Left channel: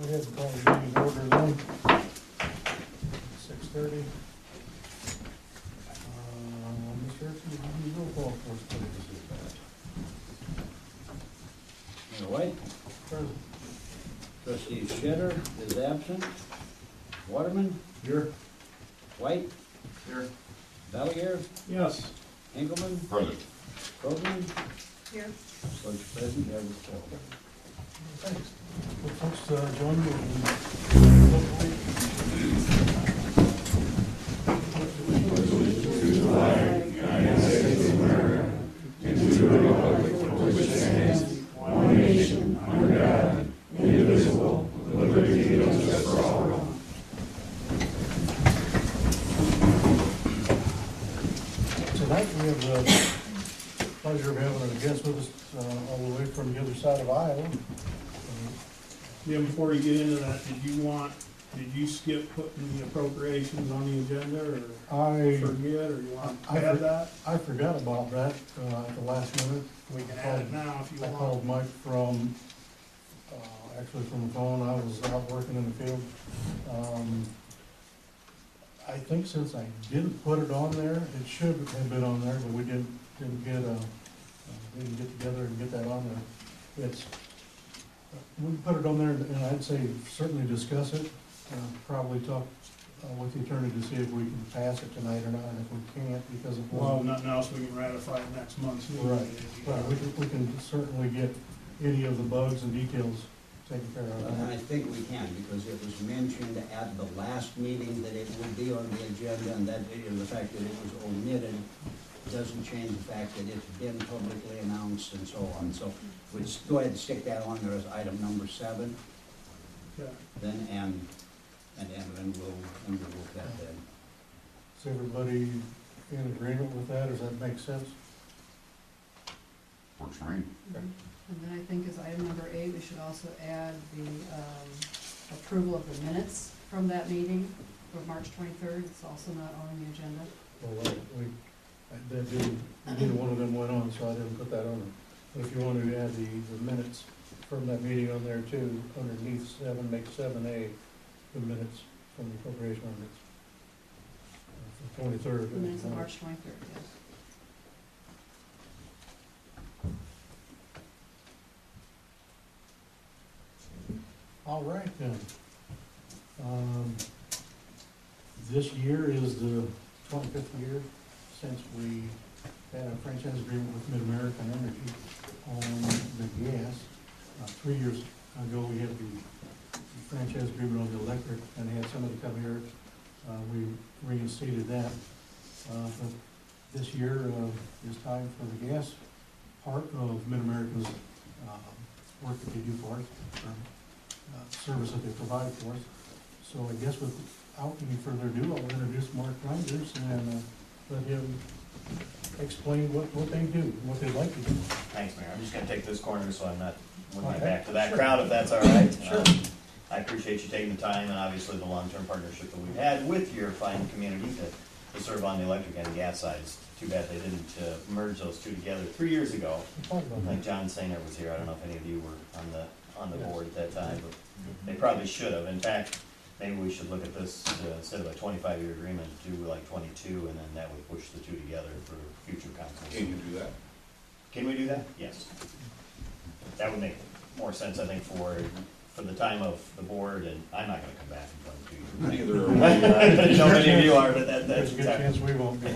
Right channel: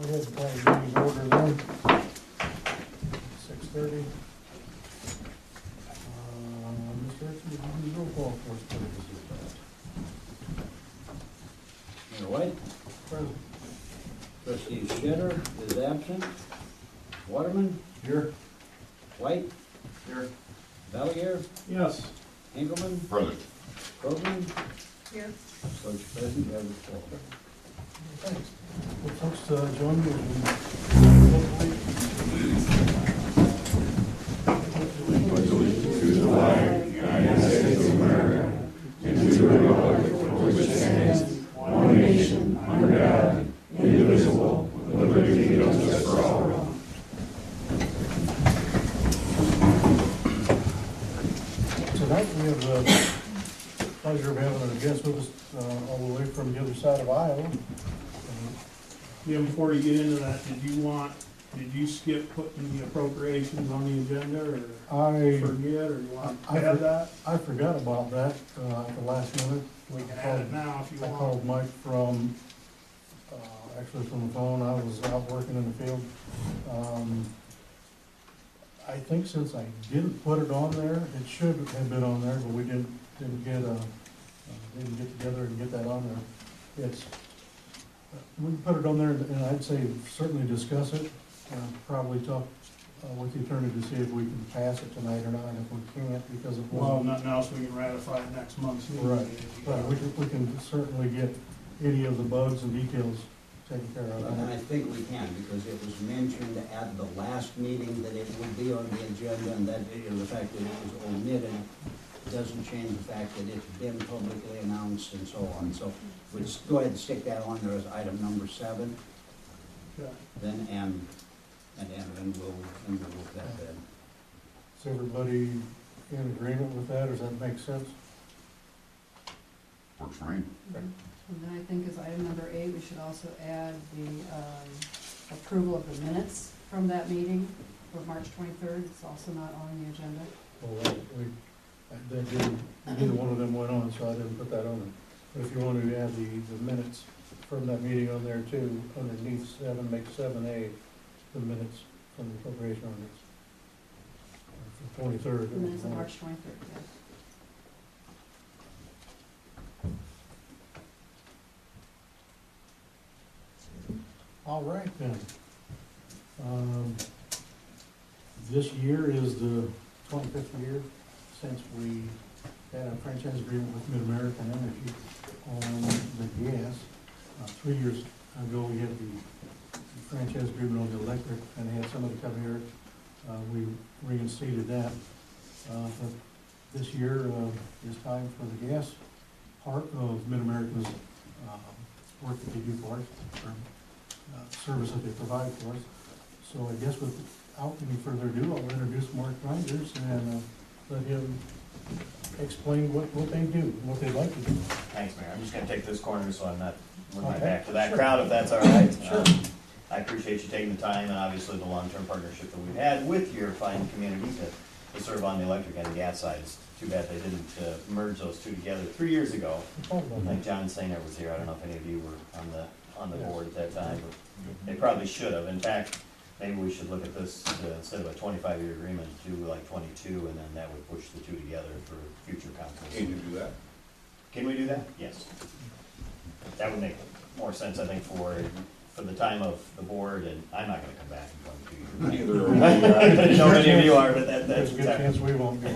Go ahead and call the meeting to order then. 6:30. Mr. Erickson, would you do roll call for us, please? Mayor White? Present. Trustee Sherri is absent. Waterman? Here. White? Here. Valier? Yes. Hinkelman? Present. Krogman? Here. So it's present, you have a call. Thanks. Well, folks, join me To the flag, United States of America, and to the republic for which it stands, one nation, under God, indivisible, with liberty and justice for all. Tonight we have the pleasure of having a guest with us all the way from the other side of Iowa. Yeah, before you get into that, did you skip putting the appropriations on the agenda, or forget, or you want to add that? I forgot about that at the last minute. We can add it now if you I want. called Mike from, actually from the phone. I was out working in the field. I think since I didn't put it on there, it should have been on there, but we didn't get together and get that on there. We can put it on there, and I'd say certainly discuss it. Probably talk with the attorney to see if we can pass it tonight or not, and if we can't, because it Well, wasn't. nothing else, we can ratify it next month's meeting. Right, we can certainly get any of the bugs and details taken care of. And I think we can, because it was mentioned at the last meeting that it would be on the agenda, and that, the fact that it was omitted doesn't change the fact that it's been publicly announced and so on. So we'd go ahead and stick that on there as item number 7, Okay. then, and we'll look at that then. Is everybody in agreement with that, or does that make sense? Works for me. And then I think as item number 8, we should also add the approval of the minutes from that meeting of March 23rd. It's also not on the agenda. Well, neither one of them went on, so I didn't put that on them. But if you want to add the minutes from that meeting on there too, underneath 7, make 7A, the minutes from the appropriation ordinance. From 23rd. The minutes of March 23rd, yes. All right then. This year is the 25th year since we had a franchise agreement with MidAmerica Energy on the gas. 3 years ago, we had the franchise agreement on the electric, and they had somebody come here. We reinstated that. But this year is time for the gas part of MidAmerica's work that they do for us, or service that they provide for us. So I guess without any further ado, I'll introduce Mark Reinder and let him explain what they do, what they'd like to do. Thanks, Mayor. I'm just gonna take this corner so I'm not with my Okay. back to that Sure. crowd, if that's all right. Sure. I appreciate you taking the time and obviously the long-term partnership that we've had with your fine community to serve on the electric and the gas side. It's too bad they didn't merge those two together 3 years ago. I think John Sainer was here. I don't know if any of you were on the Yes. board at that time, but they probably should have. In fact, maybe we should look at this instead of a 25-year agreement, do like 22, and then that would push the two together for future councils. Can you do that? Can we do that? Yes. That would make more sense, I think, for the time of the board, and I'm not gonna come back in 22 years. Neither are we. I didn't know many of you are, but that's There's a good chance we won't be.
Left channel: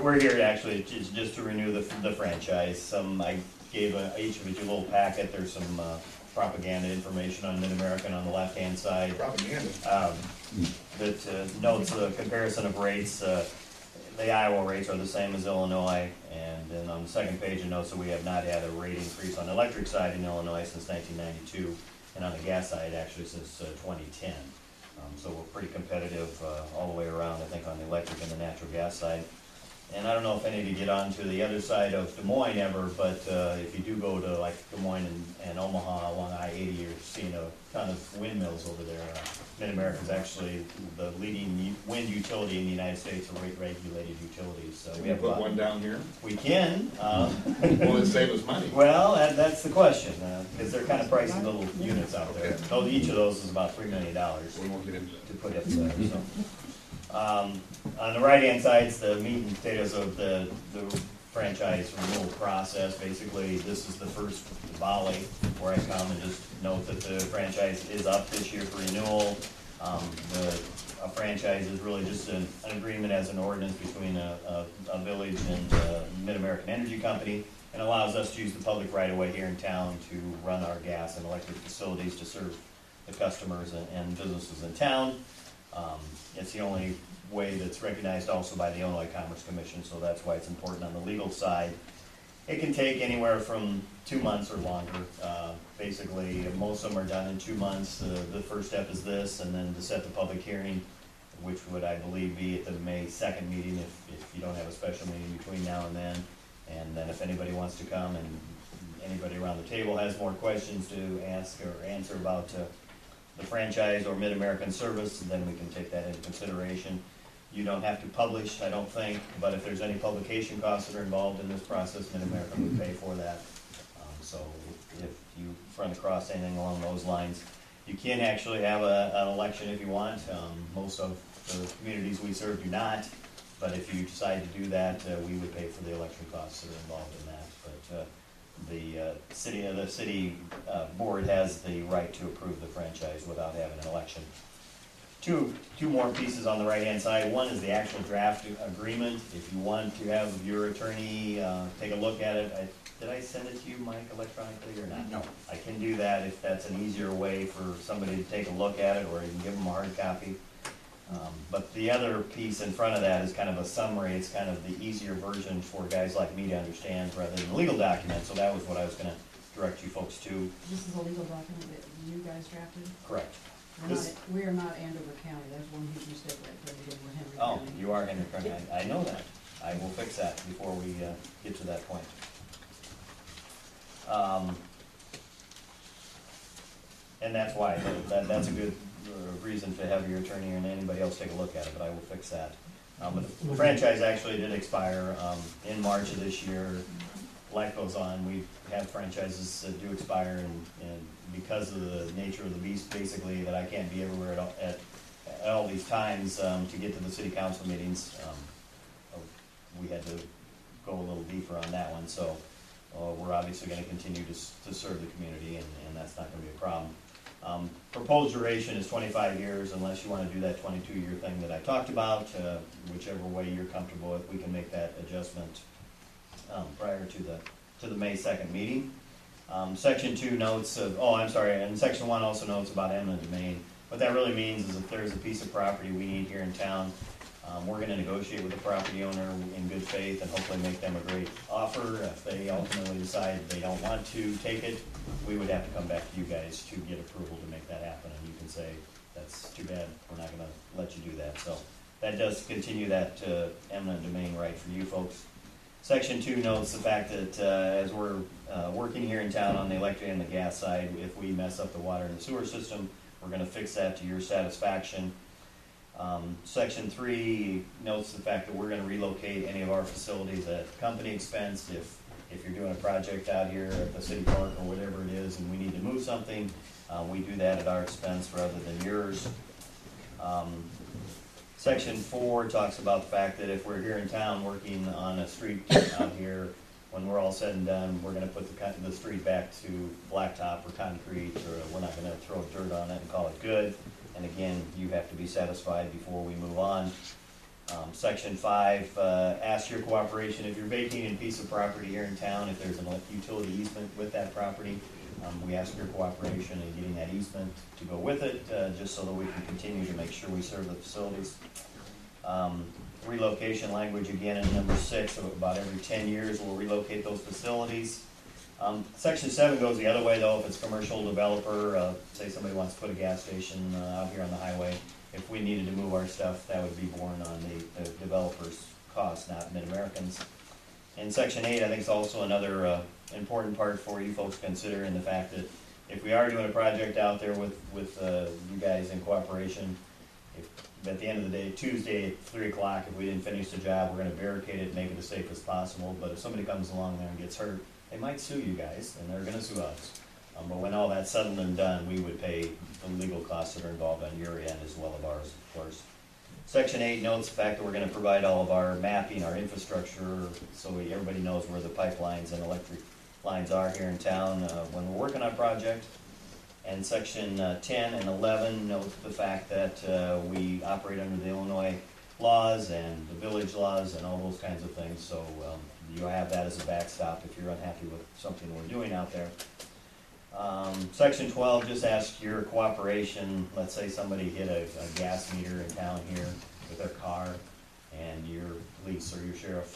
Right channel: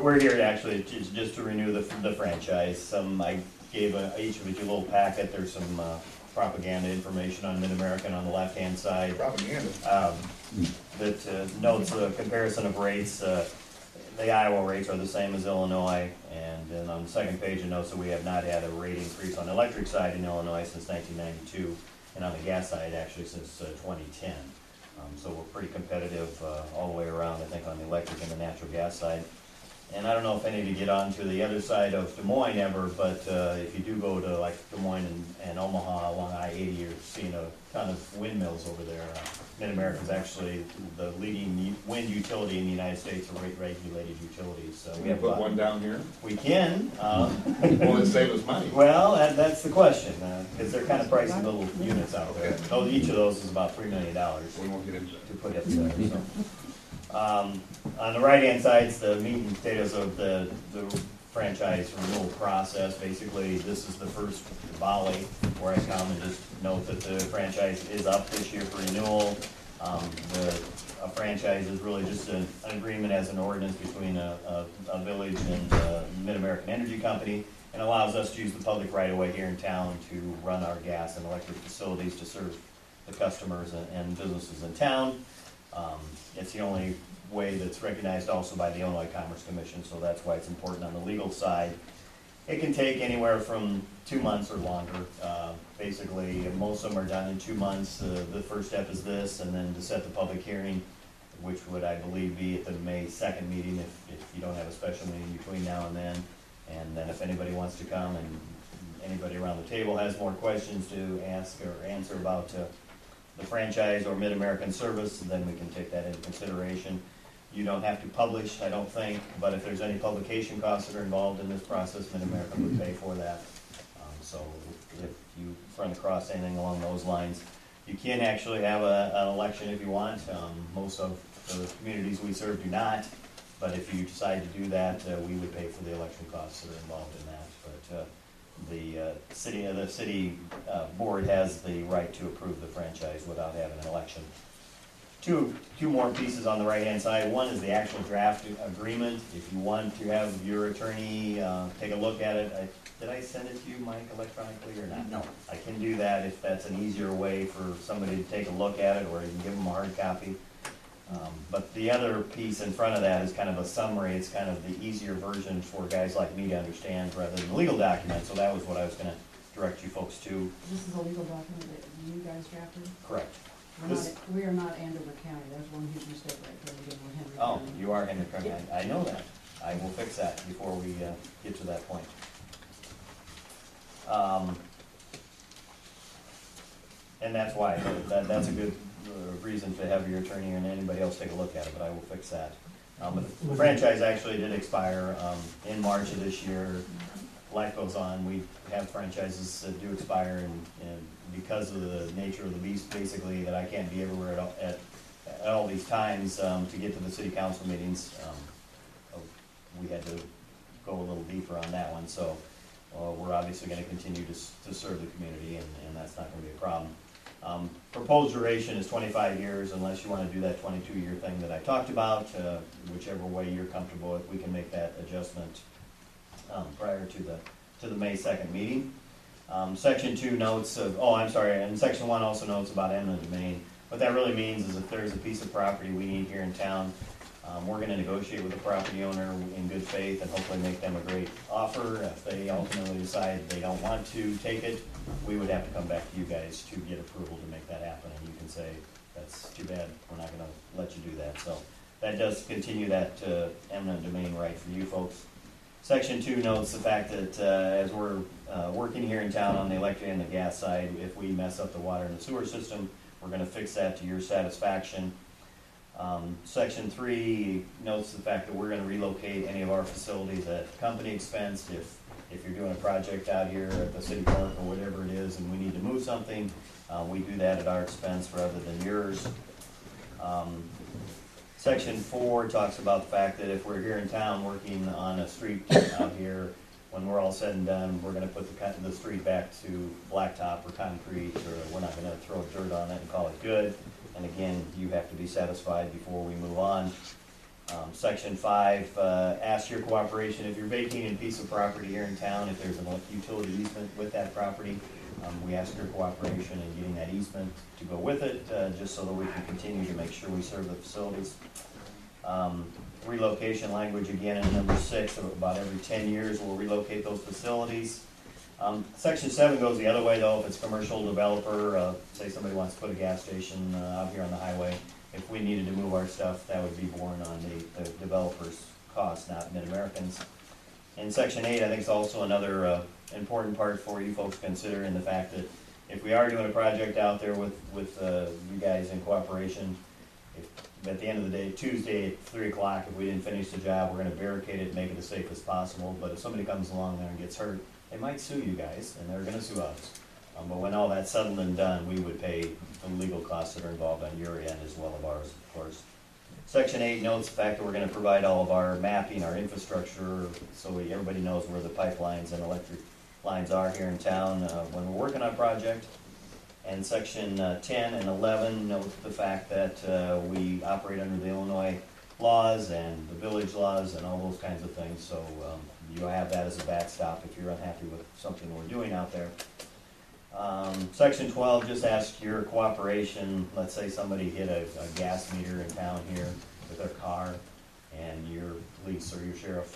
We're here to actually just to renew the franchise. I gave each of you a little packet. There's some propaganda information on MidAmerica on the left-hand side. Propaganda. That notes the comparison of rates. The Iowa rates are the same as Illinois, and then on the second page it notes that we have not had a rate increase on the electric side in Illinois since 1992, and on the gas side actually since 2010. So we're pretty competitive all the way around, I think, on the electric and the natural gas side. And I don't know if any of you get onto the other side of Des Moines ever, but if you do go to like Des Moines and Omaha along I-80, you're seeing a ton of windmills over there. MidAmerica is actually the leading wind utility in the United States, or rate-regulated utilities. So we have Put one down here? We can. Will it save us money? Well, that's the question, because they're kind of pricey little units out there. Okay. So each of those is about $3 million We won't get into that. to put up there. So. On the right-hand side is the meat and potatoes of the franchise renewal process. Basically, this is the first volley where I come and just note that the franchise is up this year for renewal. A franchise is really just an agreement as an ordinance between a village and MidAmerican Energy Company, and allows us to use the public right-of-way here in town to run our gas and electric facilities to serve the customers and businesses in town. It's the only way that's recognized also by the Illinois Commerce Commission, so that's why it's important on the legal side. It can take anywhere from 2 months or longer. Basically, most of them are done in 2 months. The first step is this, and then to set the public hearing, which would, I believe, be at the May 2nd meeting if you don't have a special meeting between now and then. And then if anybody wants to come and anybody around the table has more questions to ask or answer about the franchise or MidAmerican service, then we can take that into consideration. You don't have to publish, I don't think, but if there's any publication costs that are involved in this process, MidAmerica would pay for that. So if you run across anything along those lines, you can actually have an election if you want. Most of the communities we serve do not, but if you decide to do that, we would pay for the election costs that are involved in that. But the city board has the right to approve the franchise without having an election. Two more pieces on the right-hand side. One is the actual draft agreement. If you want to have your attorney take a look at it, did I send it to you, Mike, electronically or not? No. I can do that if that's an easier way for somebody to take a look at it, or you can give them a hard copy. But the other piece in front of that is kind of a summary. It's kind of the easier version for guys like me to understand rather than the legal document. So that was what I was going to direct you folks to. This is a legal document that you guys drafted? Correct. We are not Andover County. There's one huge mistake right there. We're Henry Oh, County. you are Henry County. I know that. I will fix that before we get to that point. And that's why. That's a good reason to have your attorney and anybody else take a look at it, but I will fix that. But the franchise actually did expire in March of this year. Life goes on. We have franchises that do expire, and because of the nature of the beast, basically, that I can't be everywhere at all these times to get to the city council meetings, we had to go a little deeper on that one. So we're obviously going to continue to serve the community, and that's not going to be a problem. Proposed duration is 25 years, unless you want to do that 22-year thing that I talked about. Whichever way you're comfortable with, we can make that adjustment prior to the May 2nd meeting. Section 2 notes of, and Section 1 also notes about eminent domain. What that really means is if there's a piece of property we need here in town, we're going to negotiate with the property owner in good faith and hopefully make them a great offer. If they ultimately decide they don't want to take it, we would have to come back to you guys to get approval to make that happen. And you can say, that's too bad, we're not going to let you do that. So that does continue that eminent domain right for you folks. Section 2 notes the fact that as we're working here in town on the electric and the gas side, if we mess up the water and the sewer system, we're going to fix that to your satisfaction. Section 3 notes the fact that we're going to relocate any of our facilities at company expense. If you're doing a project out here at the city park or whatever it is and we need to move something, we do that at our expense rather than yours. Section 4 talks about the fact that if we're here in town working on a street out here, when we're all said and done, we're going to put the street back to blacktop or concrete, or we're not going to throw dirt on it and call it good. And again, you have to be satisfied before we move on. Section 5 asks your cooperation if you're vacating a piece of property here in town. If there's an utility easement with that property, we ask your cooperation in getting that easement to go with it, just so that we can continue to make sure we serve the facilities. Relocation language again in number 6, about every 10 years we'll relocate those facilities. Section 7 goes the other way though. If it's a commercial developer, say somebody wants to put a gas station out here on the highway, if we needed to move our stuff, that would be borne on the developer's cost, not MidAmericans. And Section 8, I think, is also another important part for you folks to consider, in the fact that if we are doing a project out there with you guys in cooperation, if at the end of the day, Tuesday at 3 o'clock, if we didn't finish the job, we're gonna barricade it and make it as safe as possible. But if somebody comes along there and gets hurt, they might sue you guys, and they're gonna sue us. But when all that's settled and done, we would pay the legal costs that are involved on your end as well as ours, of course. Section 8 notes the fact that we're gonna provide all of our mapping, our infrastructure, so everybody knows where the pipelines and electric lines are here in town when we're working on a project. And Section 10 and 11 note the fact that we operate under the Illinois laws and the village laws and all those kinds of things, so you have that as a backstop if you're unhappy with something we're doing out there. Section 12 just asks your cooperation. Let's say somebody hit a gas meter in town here with their car, and your police or your sheriff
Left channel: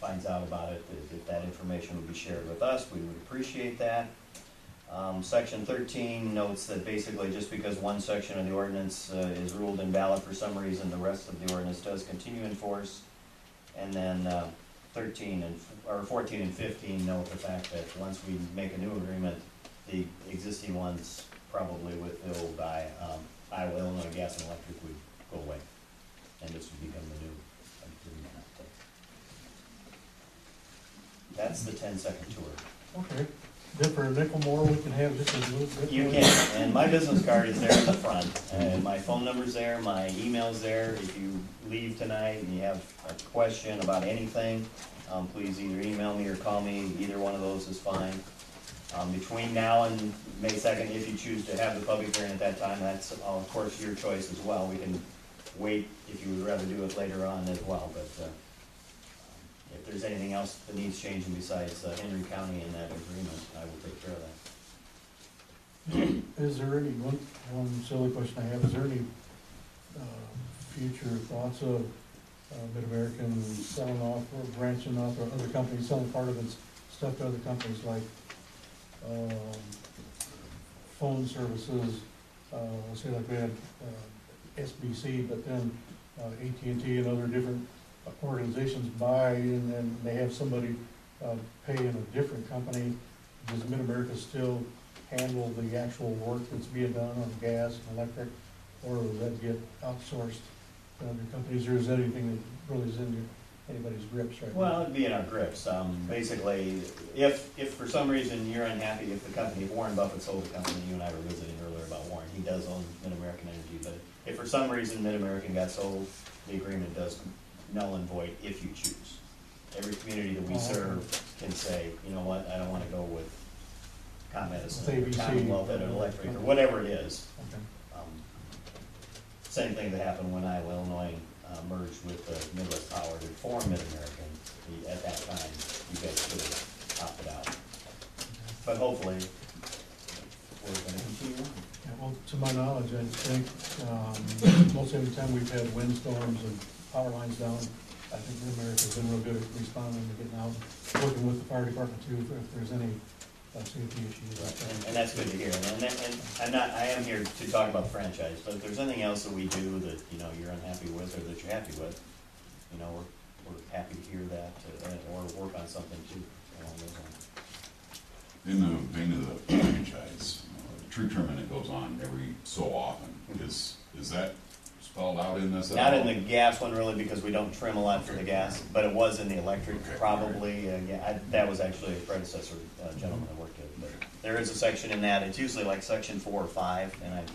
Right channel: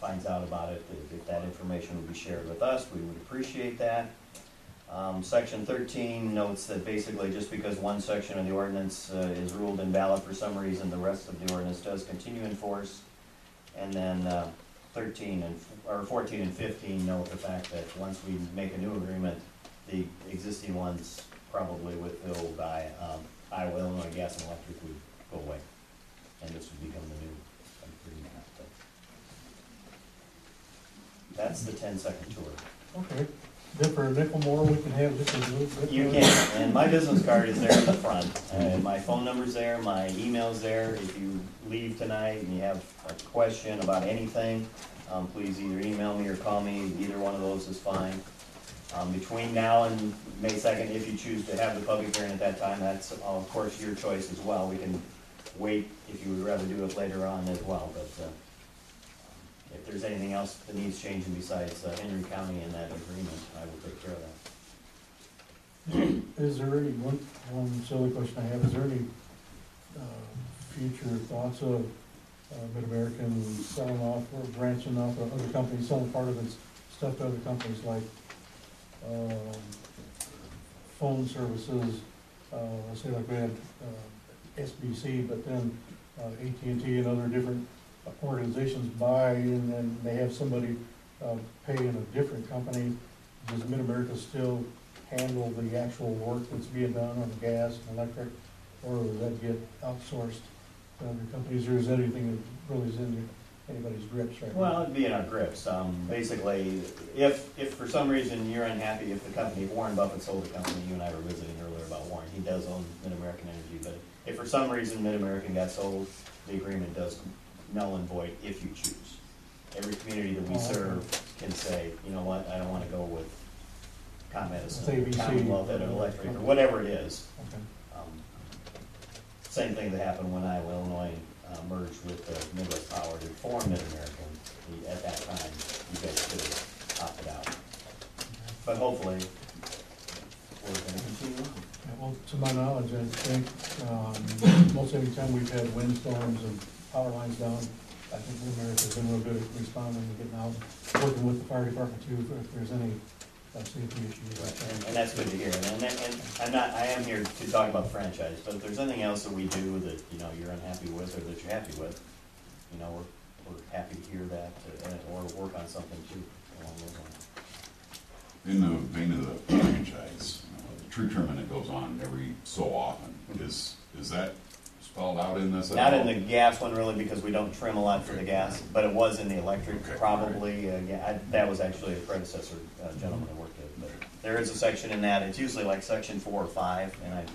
finds out about it. If that information would be shared with us, we would appreciate that. Section 13 notes that basically just because one section of the ordinance is ruled invalid for some reason, the rest of the ordinance does continue in force. And then 14 and 15 note the fact that once we make a new agreement, the existing ones, probably with the old Iowa, Illinois Gas and Electric, would go away, and this would become the new agreement out there. That's the 10-second tour. Okay. Then for a nickel more, we can have just a little bit. You can, and my business card is there in the front, and my phone number's there, my email's there. If you leave tonight and you have a question about anything, please either email me or call me. Either one of those is fine. Between now and May 2nd, if you choose to have the public hearing at that time, that's of course your choice as well. We can wait if you would rather do it later on as well, but if there's anything else that needs changing besides Henry County and that agreement, I will take care of that. Is there any, one silly question I have, is there any future thoughts of MidAmerican selling off or branching off, or other companies selling part of its stuff to other companies, like phone services, let's say like we had SBC, but then AT&T and other different organizations buy, and then they have somebody pay in a different company? Does MidAmerica still handle the actual work that's being done on the gas and electric, or does that get outsourced to other companies, or is that anything that really is in anybody's grips right now? Well, it'd be in our grips. Basically, if for some reason you're unhappy, if the company, if Warren Buffett sold the company, you and I were visiting earlier about Warren, he does own MidAmerican Energy, but if for some reason MidAmerican got sold, the agreement does null and void if you choose. Every community that we serve can say, you know what, I don't want to go with ComEd or Commonwealth Edison Electric or whatever it is. Okay. Same thing that happened when Iowa, Illinois merged with Midwest Power to form MidAmerican. At that time, you guys could have opted out. But hopefully, we're going to continue on. Yeah, well, to my knowledge, I think most every time we've had windstorms and power lines down, I think MidAmerica's been real good at responding and getting out, working with the fire department too, if there's any safety issues. Right. And that's good to hear. And I am here to talk about the franchise, but if there's anything else that we do that, you know, you're unhappy with or that you're happy with, you know, we're happy to hear that or work on something too along those lines. In the vein of the franchise, tree trimming that goes on every so often, is that spelled out in this? Not in the gas one really, because we don't trim a lot for the gas, but it was in the electric, probably. Yeah, that was actually a predecessor gentleman that worked it. But there is a section in that. It's usually like section 4 or 5, and I'm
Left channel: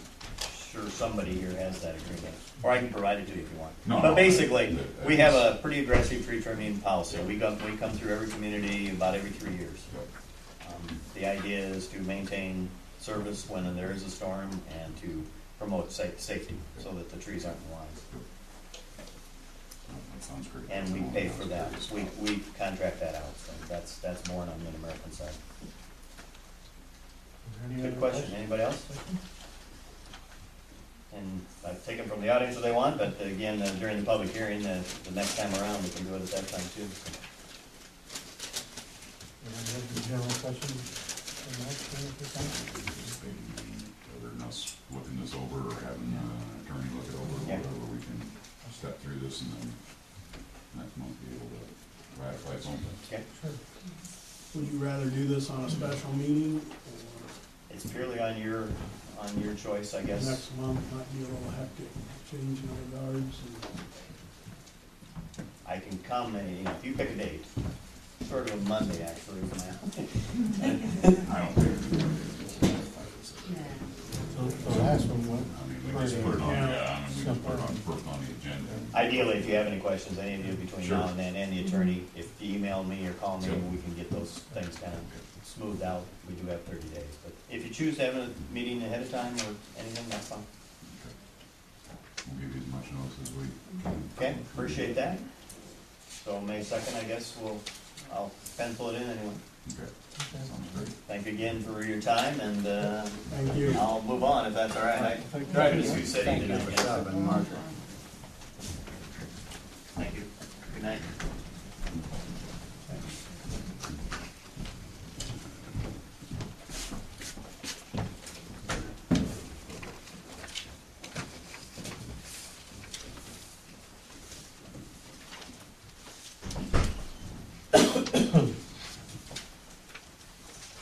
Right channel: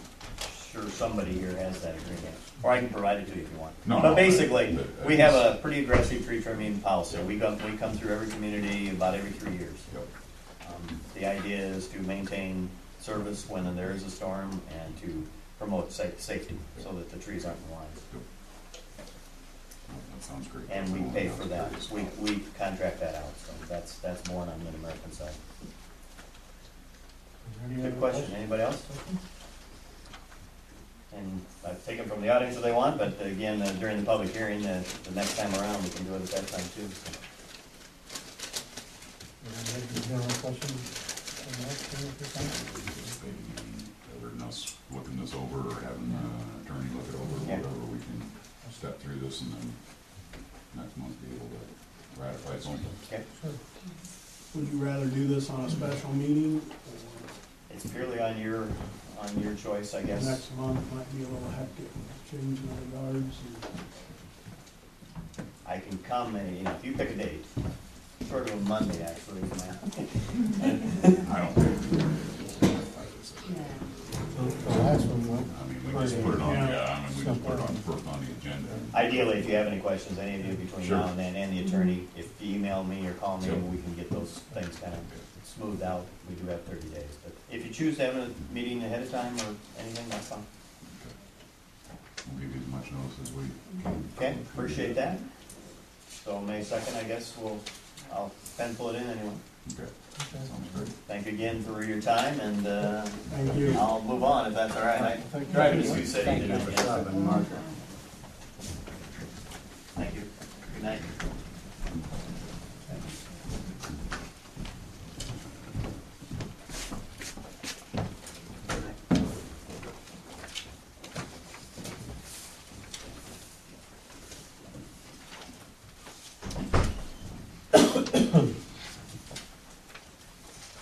sure somebody here has that agreement, or I can provide it to you if you want. But basically, we have a pretty aggressive tree trimming policy. We come through every community about every 3 years. The idea is to maintain service when there is a storm and to promote safety so that the trees aren't in lines. That sounds great. And we pay for that. We contract that out, so that's borne on the MidAmerican side. Good question. Anybody else? And I've taken from the audience if they want, but again, during the public hearing, the next time around, we can do it at that time too. So. Any general questions? Other than us looking this over or having an attorney look it over, or whatever, we can step through this and then next month be able to ratify something. Okay, Sure. Would you rather do this on a special meeting, or it's purely on your choice, I guess. next month might be a little hectic, changing the guards and. I can come, and, if you pick a date, sort of a Monday, actually, is my, I don't think. The last one went. I mean, we just put it on, Yeah. I mean, we just put it on first on the agenda. ideally, if you have any questions, any of you between Sure. now and then, and the attorney, if you email me or call me, Sure. we can get those things kind of smoothed out. We do have 30 days, but if you choose to have a meeting ahead of time or anything, that's fine. Okay. We'll give you as much notice as we. Okay, appreciate that. So May 2nd, I guess, I'll pencil it in anyway. Okay, sounds great. Thank you again for your time, and Thank you. I'll move on if that's all right. I tried to Sioux City Thank you tonight. for yes. stopping, Mark. Thank you. Good night.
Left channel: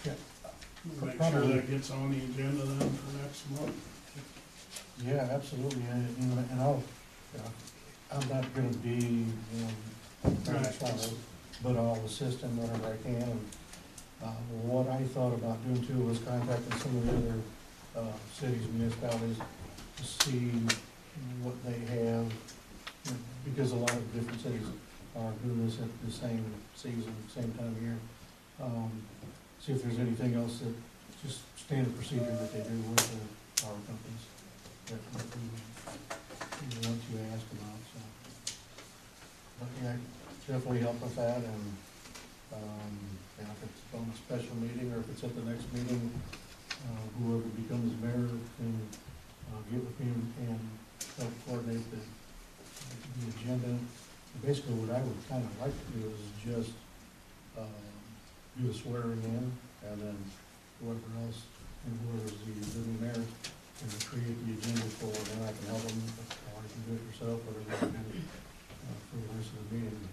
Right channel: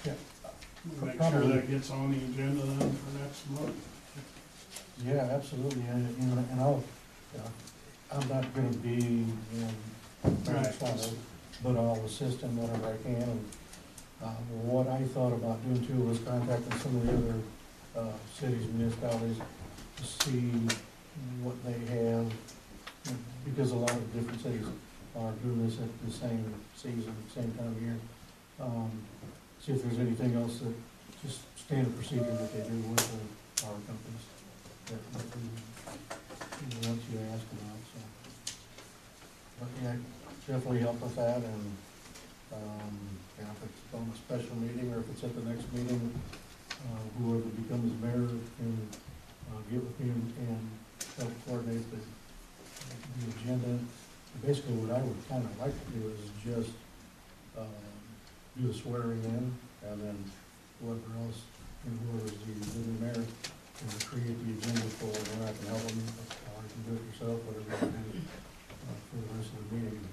Yeah, Make sure that gets on the agenda then for next month. yeah, absolutely, and I'll, I'm not gonna be in Minnesota, but I'll assist him whenever I can. And what I thought about doing too was contacting some of the other cities, municipalities, to see what they have, because a lot of different cities are doing this at the same season, same time of year. See if there's anything else that, just standard procedure that they do with the power companies that we want you to ask about, so. But yeah, definitely help with that, and, yeah, if it's on a special meeting, or if it's at the next meeting, whoever becomes mayor can, get with me and help coordinate the agenda. Basically, what I would kind of like to do is just, do the swearing in, and then whoever else, and whoever's the new mayor can create the agenda for, and I can help them, or you can do it yourself, whatever you do, for the rest of the meeting.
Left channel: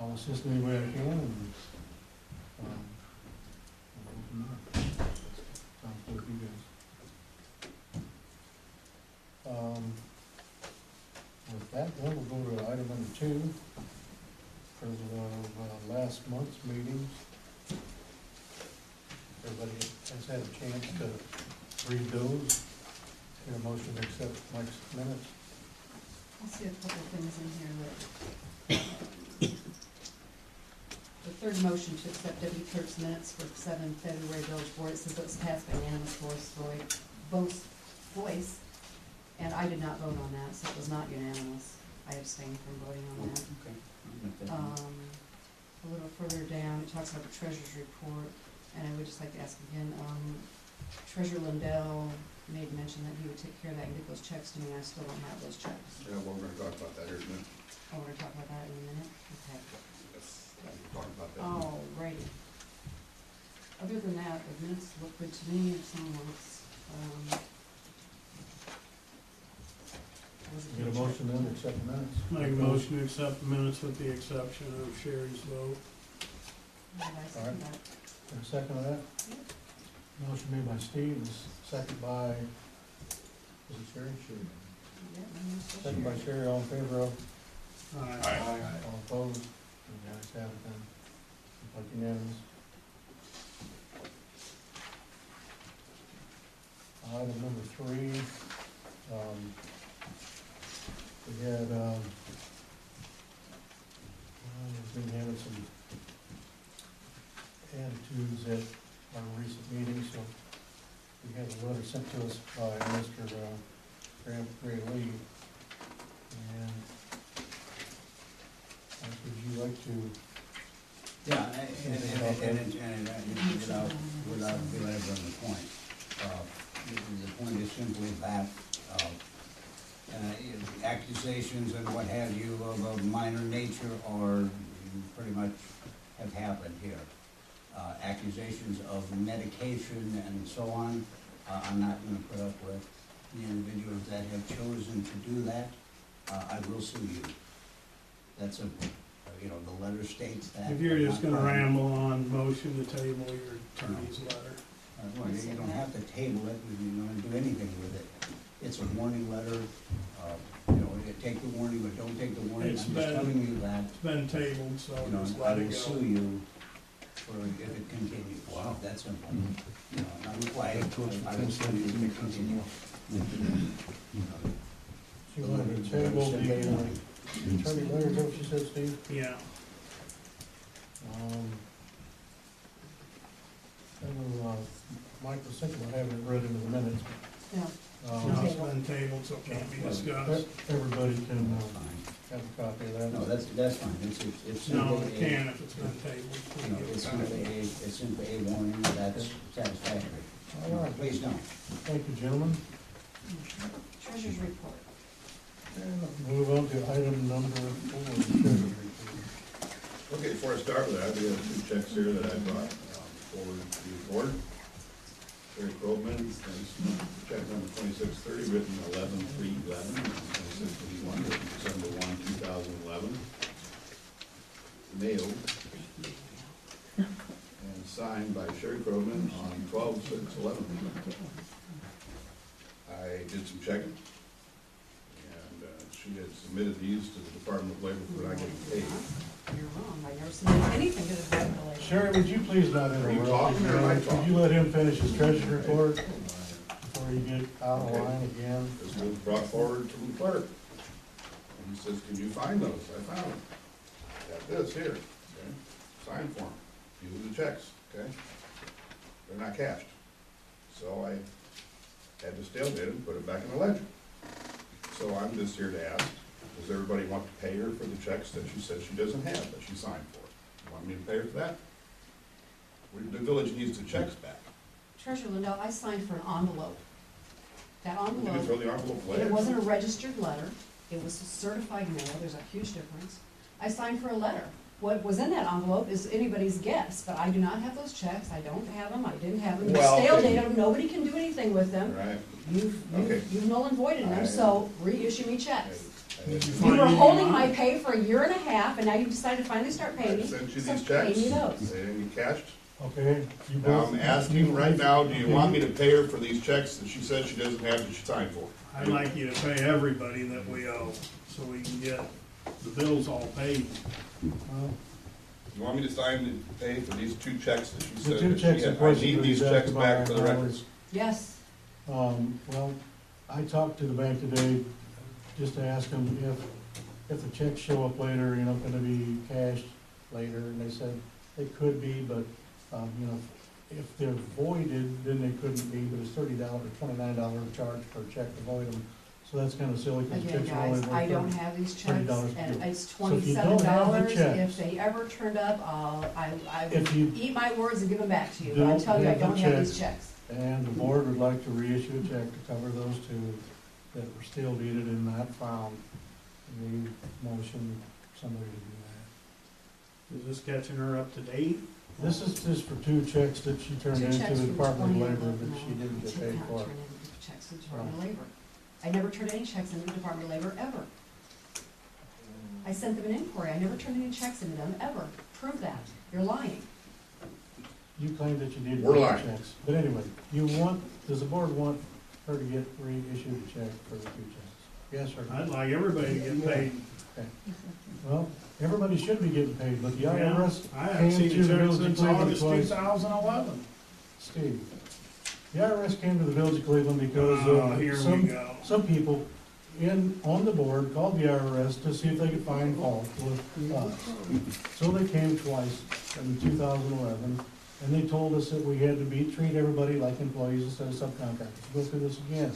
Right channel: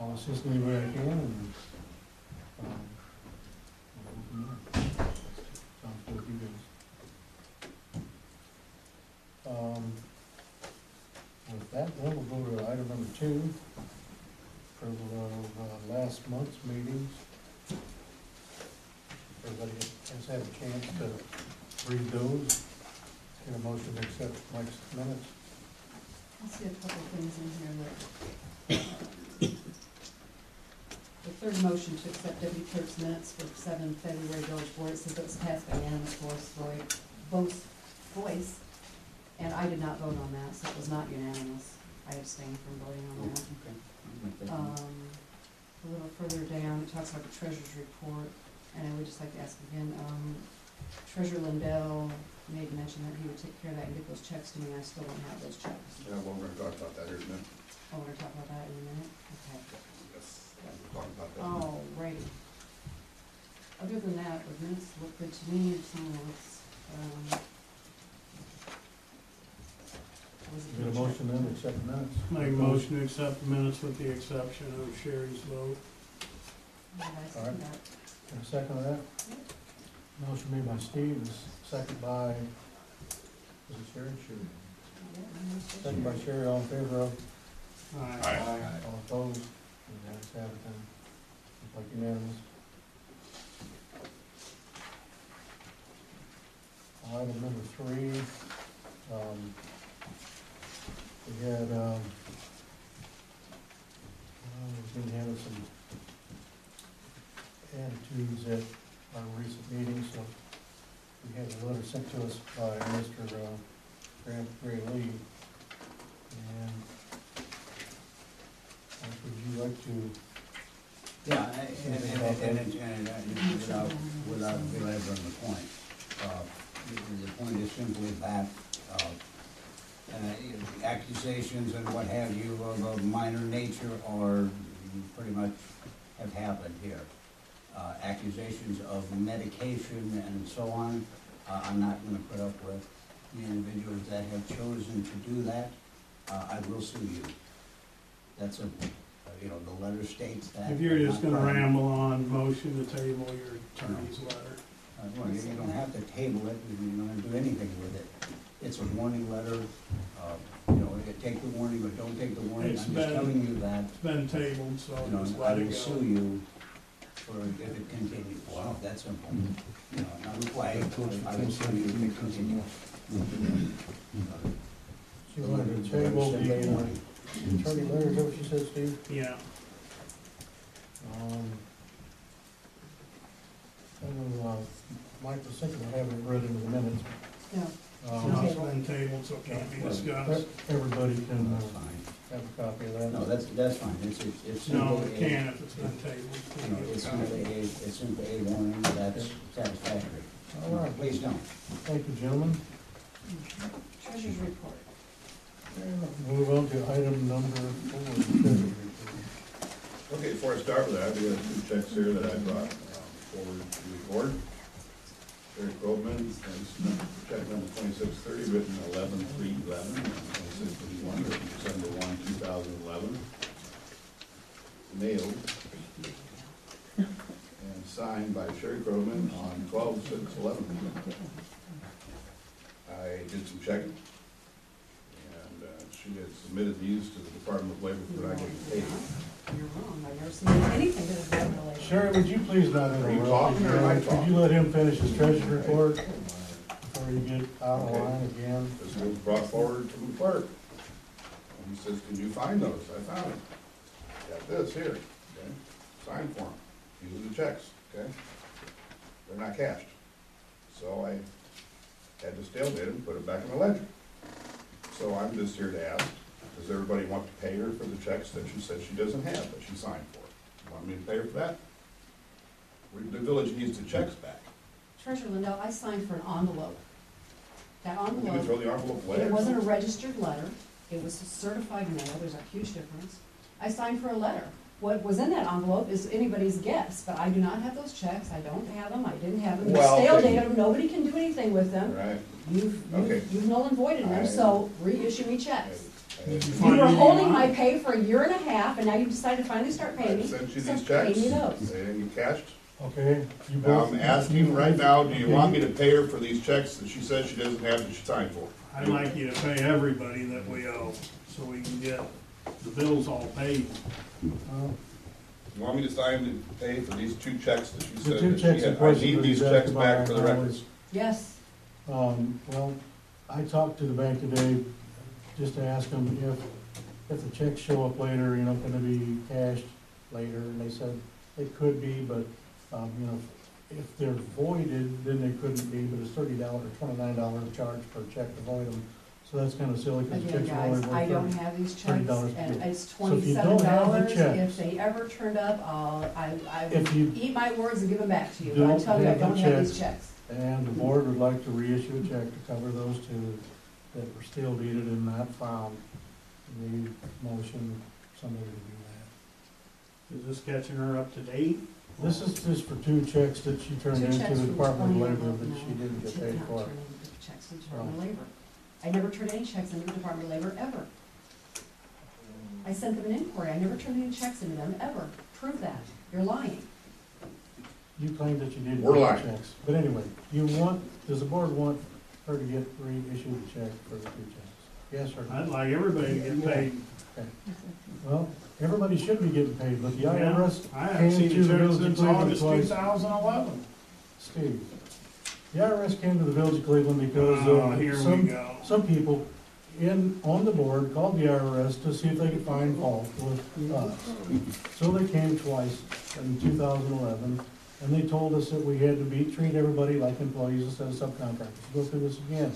I'll assist any way I can, and, we'll go from there. Sounds good with you guys. With that, then we'll go to item number 2, for the last month's meetings. Everybody has had a chance to read those. Get a motion to accept Mike's minutes. I see a couple of things in here that, the third motion to accept Deputy Clerk's minutes for 7 February village board, it says it was passed by unanimous voice, and I did not vote on that, so it was not unanimous. I abstained from voting on that. Okay, I'll make that. A little further down, it talks about the treasurer's report, and I would just like to ask again, Treasurer Lindell made mention that he would take care of that and get those checks to me. I still don't have those checks. Yeah, well, we're gonna talk about that here in a minute. Oh, we're gonna talk about that in a minute? Okay. Yes, we'll talk about that. Alrighty. Other than that, the minutes look good to me, if someone wants, Get a motion then to accept the minutes. Make a motion to accept the minutes with the exception of Sherri's vote. Did I second that? Got a second of that? Yep. Motion made by Steve, is second by, was it Sherri? Sherri. Yeah, I'm just- Second by Sherri, all in favor of? Aye. All opposed? And the ayes have it then. Looks like unanimous. Item number 3, we had, we've been having some attitudes at our recent meetings, so we had a letter sent to us by Mr. Gray Lee, and would you like to? Yeah, and without belaboring the point, the point is simply that, accusations and what have you of a minor nature are, pretty much have happened here. Accusations of medication and so on, I'm not gonna put up with. The individuals that have chosen to do that, I will sue you. That's simple. You know, the letter states that. If you're but just not gonna writing. ramble on, motion to table your attorney's letter. Well, you don't have to table it, you don't have to do anything with it. It's a warning letter, you know, take the warning, but don't take the warning, It's I'm just been- telling you that, It's been tabled, so you know, just I let will it sue go. you for if it continues. Wow. That's simple. You know, not required, I will sue you if it continues. She wanted to table the attorney letter, is that what you said, Steve? Yeah, I know, Mike was thinking about having it read into the minutes. Yeah. no, it's been tabled, so it can't be discussed. Everybody can That's fine. have a copy of that. No, that's fine, it's No, simply it a, can if it's been tabled. you know, it's simply a warning, that's satisfactory. All right. Please don't. Thank you, gentlemen. Treasurer's report. Move on to item number 4, the treasurer's report. Okay, before I start with that, we have 2 checks here that I brought forward to the board. Sherri Krogman, check number 2630, written 11/3/11, 2631, written December 1, 2011. Mailed and signed by Sherri Krogman on 12/6/11. I did some checking, and she had submitted these to the Department of Labor for not getting paid. You're wrong, I never submitted anything to the Department of Labor. Sherri, would you please not Are you interrupt? talking or am I talking? Could you let him finish his treasurer's report before you get out of Okay. line again? This was brought forward from the clerk. And he says, can you find those? I found them. Got this here, okay? Sign form. These are the checks, okay? They're not cashed. So I had to stale date them, put it back in the ledger. So I'm just here to ask, does everybody want to pay her for the checks that she said she doesn't have, that she signed for? You want me to pay her for that? The village needs the checks back. Treasurer Lindell, I signed for an envelope. That You can throw envelope, the envelope away. it wasn't a registered letter, it was a certified mail, there's a huge difference. I signed for a letter. What was in that envelope is anybody's guess, but I do not have those checks, I don't have them, I didn't have them, you Well, stale okay. dated them, nobody can do anything with them. Right? You've Okay. null and voided I- them, so reissue me checks. Did you You find were any holding on my it? pay for a year and a half, and now you decided to finally start paying I me. sent you so these pay checks. me those. They didn't get cashed. Okay, you Now, both. I'm asking right now, do you want me to pay her for these checks that she says she doesn't have that she signed for? I'd like you to pay everybody that we owe, so we can get the bills all paid. Well, You want me to sign and pay for these 2 checks that she The said 2 that she checks in had? I question need that these he's checks asked back about for the right now records. is, Yes, well, I talked to the bank today just to ask them if the checks show up later, you know, gonna be cashed later, and they said they could be, but, you know, if they're voided, then they couldn't be, but it's $30 or $29 charge per check to void them. So that's kinda silly, cause the again, checks are only guys, worth I don't $30. have these checks, $30 and due. it's So if you don't have the $27. checks- If they ever turned up, I If you would eat my words and give them back to you, but I don't tell you, I have the don't have these checks, checks. And the board would like to reissue a check to cover those 2 that were still dated and not found. Need motion, somebody to do that. Is this catching her up to date? This is just for 2 checks that she turned Two into checks the from Department of 2011, Labor that she didn't get did paid not for. turn in checks to the Department of Labor. I never turned any checks into the Department of Labor, ever. I sent them an inquiry, I never turned any checks into them, ever. Prove that, you're lying. You claim that you did We're get lying. the checks. But anyway, does the board want her to get reissued a check for the 2 checks? Yes or no? I'd like everybody to get paid. Okay. Well, everybody should be getting paid, but the IRS I haven't came seen to a the check village of since Cleveland August twice. 2011. Steve, the IRS came to the village of Cleveland because Here we some go. people on the board called the IRS to see if they could find fault with us. So they came twice in 2011, and they told us that we had to treat everybody like employees instead of subcontractors. Go through this again.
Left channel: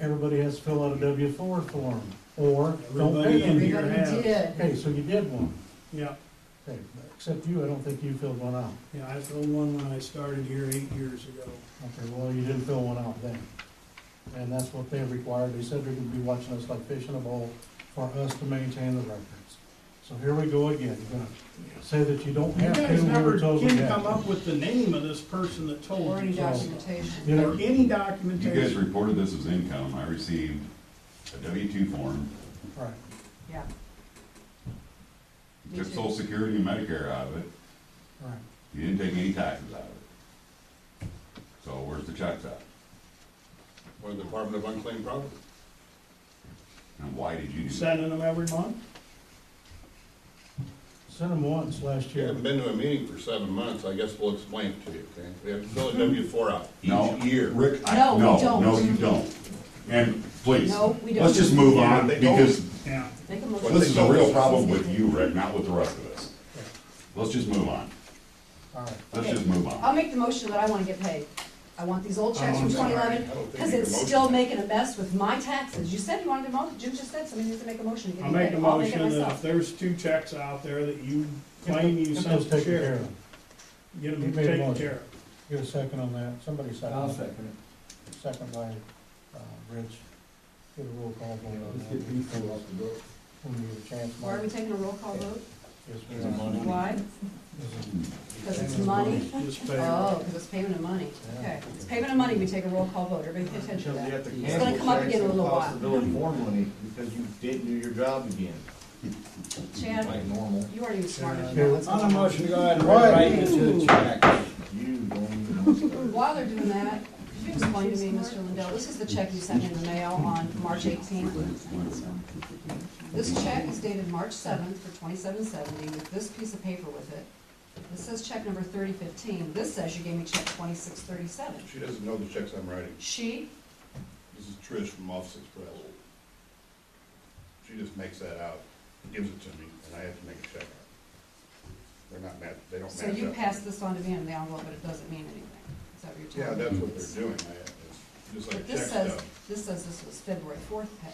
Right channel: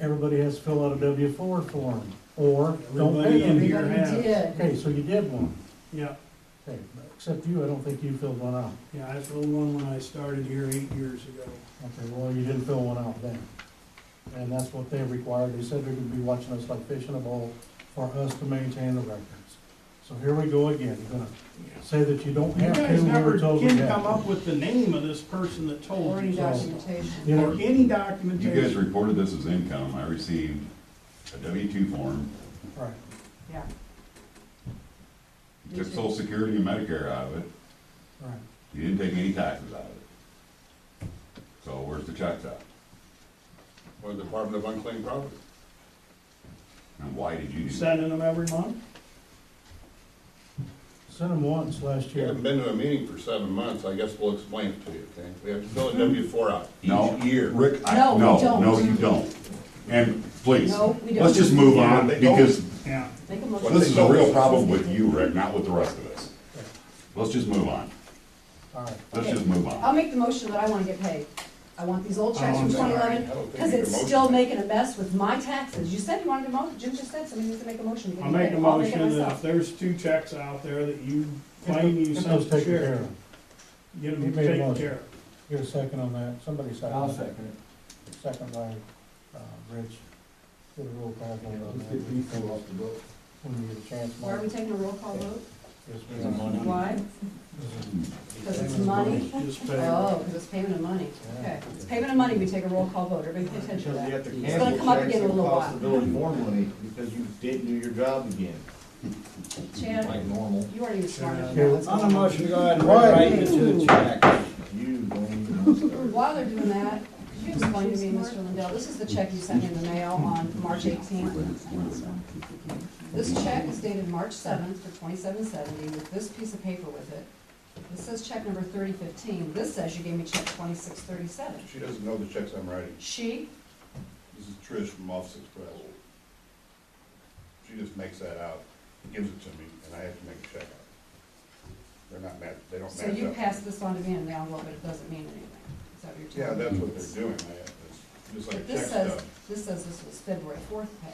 Everybody has to fill out a W-4 form, or don't Everybody pay in them. here Everybody has. did. Okay, so you did one. Yeah, Okay, but except you, I don't think you filled one out. yeah, I filled one when I started here 8 years ago. Okay, well, you didn't fill one out then. And that's what they required. They said they're gonna be watching us like fish in a bowl for us to maintain the records. So here we go again. You're gonna say that you don't You have to, guys we never were told we can had come to. up with the name of this person that Or told any you so. documentation. You know, Or any You guys documentation. reported this as income. I received a W-2 form right. Yeah. You took Social Security and Medicare out of it. Right. You didn't take any taxes out of it. So where's the checks at? Or the Department of Unclaimed Property. And why did you do that? Sending them every month? Sent them once last You year. haven't been to a meeting for 7 months, I guess we'll explain it to you, okay? We have to fill a W-4 out No, each year. Rick, No, we don't. No, you don't. And please, No, we don't. let's just move Yeah, on, they don't. because Yeah. Make a well, motion. this is a real problem with you, Rick, not with the rest of us. Let's just move on. All right. Let's Okay. just move I'll on. make the motion that I wanna get paid. I want these old checks from I'm sorry. 2011, I don't think because you it's can still motion. making a mess with my taxes. You said you wanted to motion, Jim just said somebody needs to make a motion to get I'll me make paid. a I'll make it motion that if myself. there's 2 checks out there that you claim you Get sent those to taken care sheriff, of. get He them made a taken motion. care of. Get a second on that. Somebody second. I'll second it. Second by, Rich. Get a roll call vote on Let's that. get people off the book. When you get a chance. Why are we taking a roll call vote? Yes, we Is it are. money? Why? Because it's money? Just pay. Oh, because it's payment of money. Okay, it's payment of money, we take a roll call vote. Everybody pay attention to Because you have that. to It's gonna cancel come up checks again in a and little cost the while. village more money because you didn't do your job again, Chad, like normal. you aren't even smart enough to Yeah. know what's On going a on. motion, go ahead and Right. write it to the check. You don't even know start. While they're doing that, could you explain to me, Mr. Lindell, this is the check you sent me in the mail on March 18th. This check is dated March 7th for $27.70 with this piece of paper with it. This says check number 3015. This says you gave me check 2637. She doesn't know the checks I'm writing. She, This is Trish from Office Express. She just makes that out, gives it to me, and I have to make a check out. They're not match, they don't match so up. you passed this on to me in the envelope, but it doesn't mean anything. Is that what you're Yeah, telling me? that's what they're doing, it's just like But check this says, stuff. this was February 4th pay.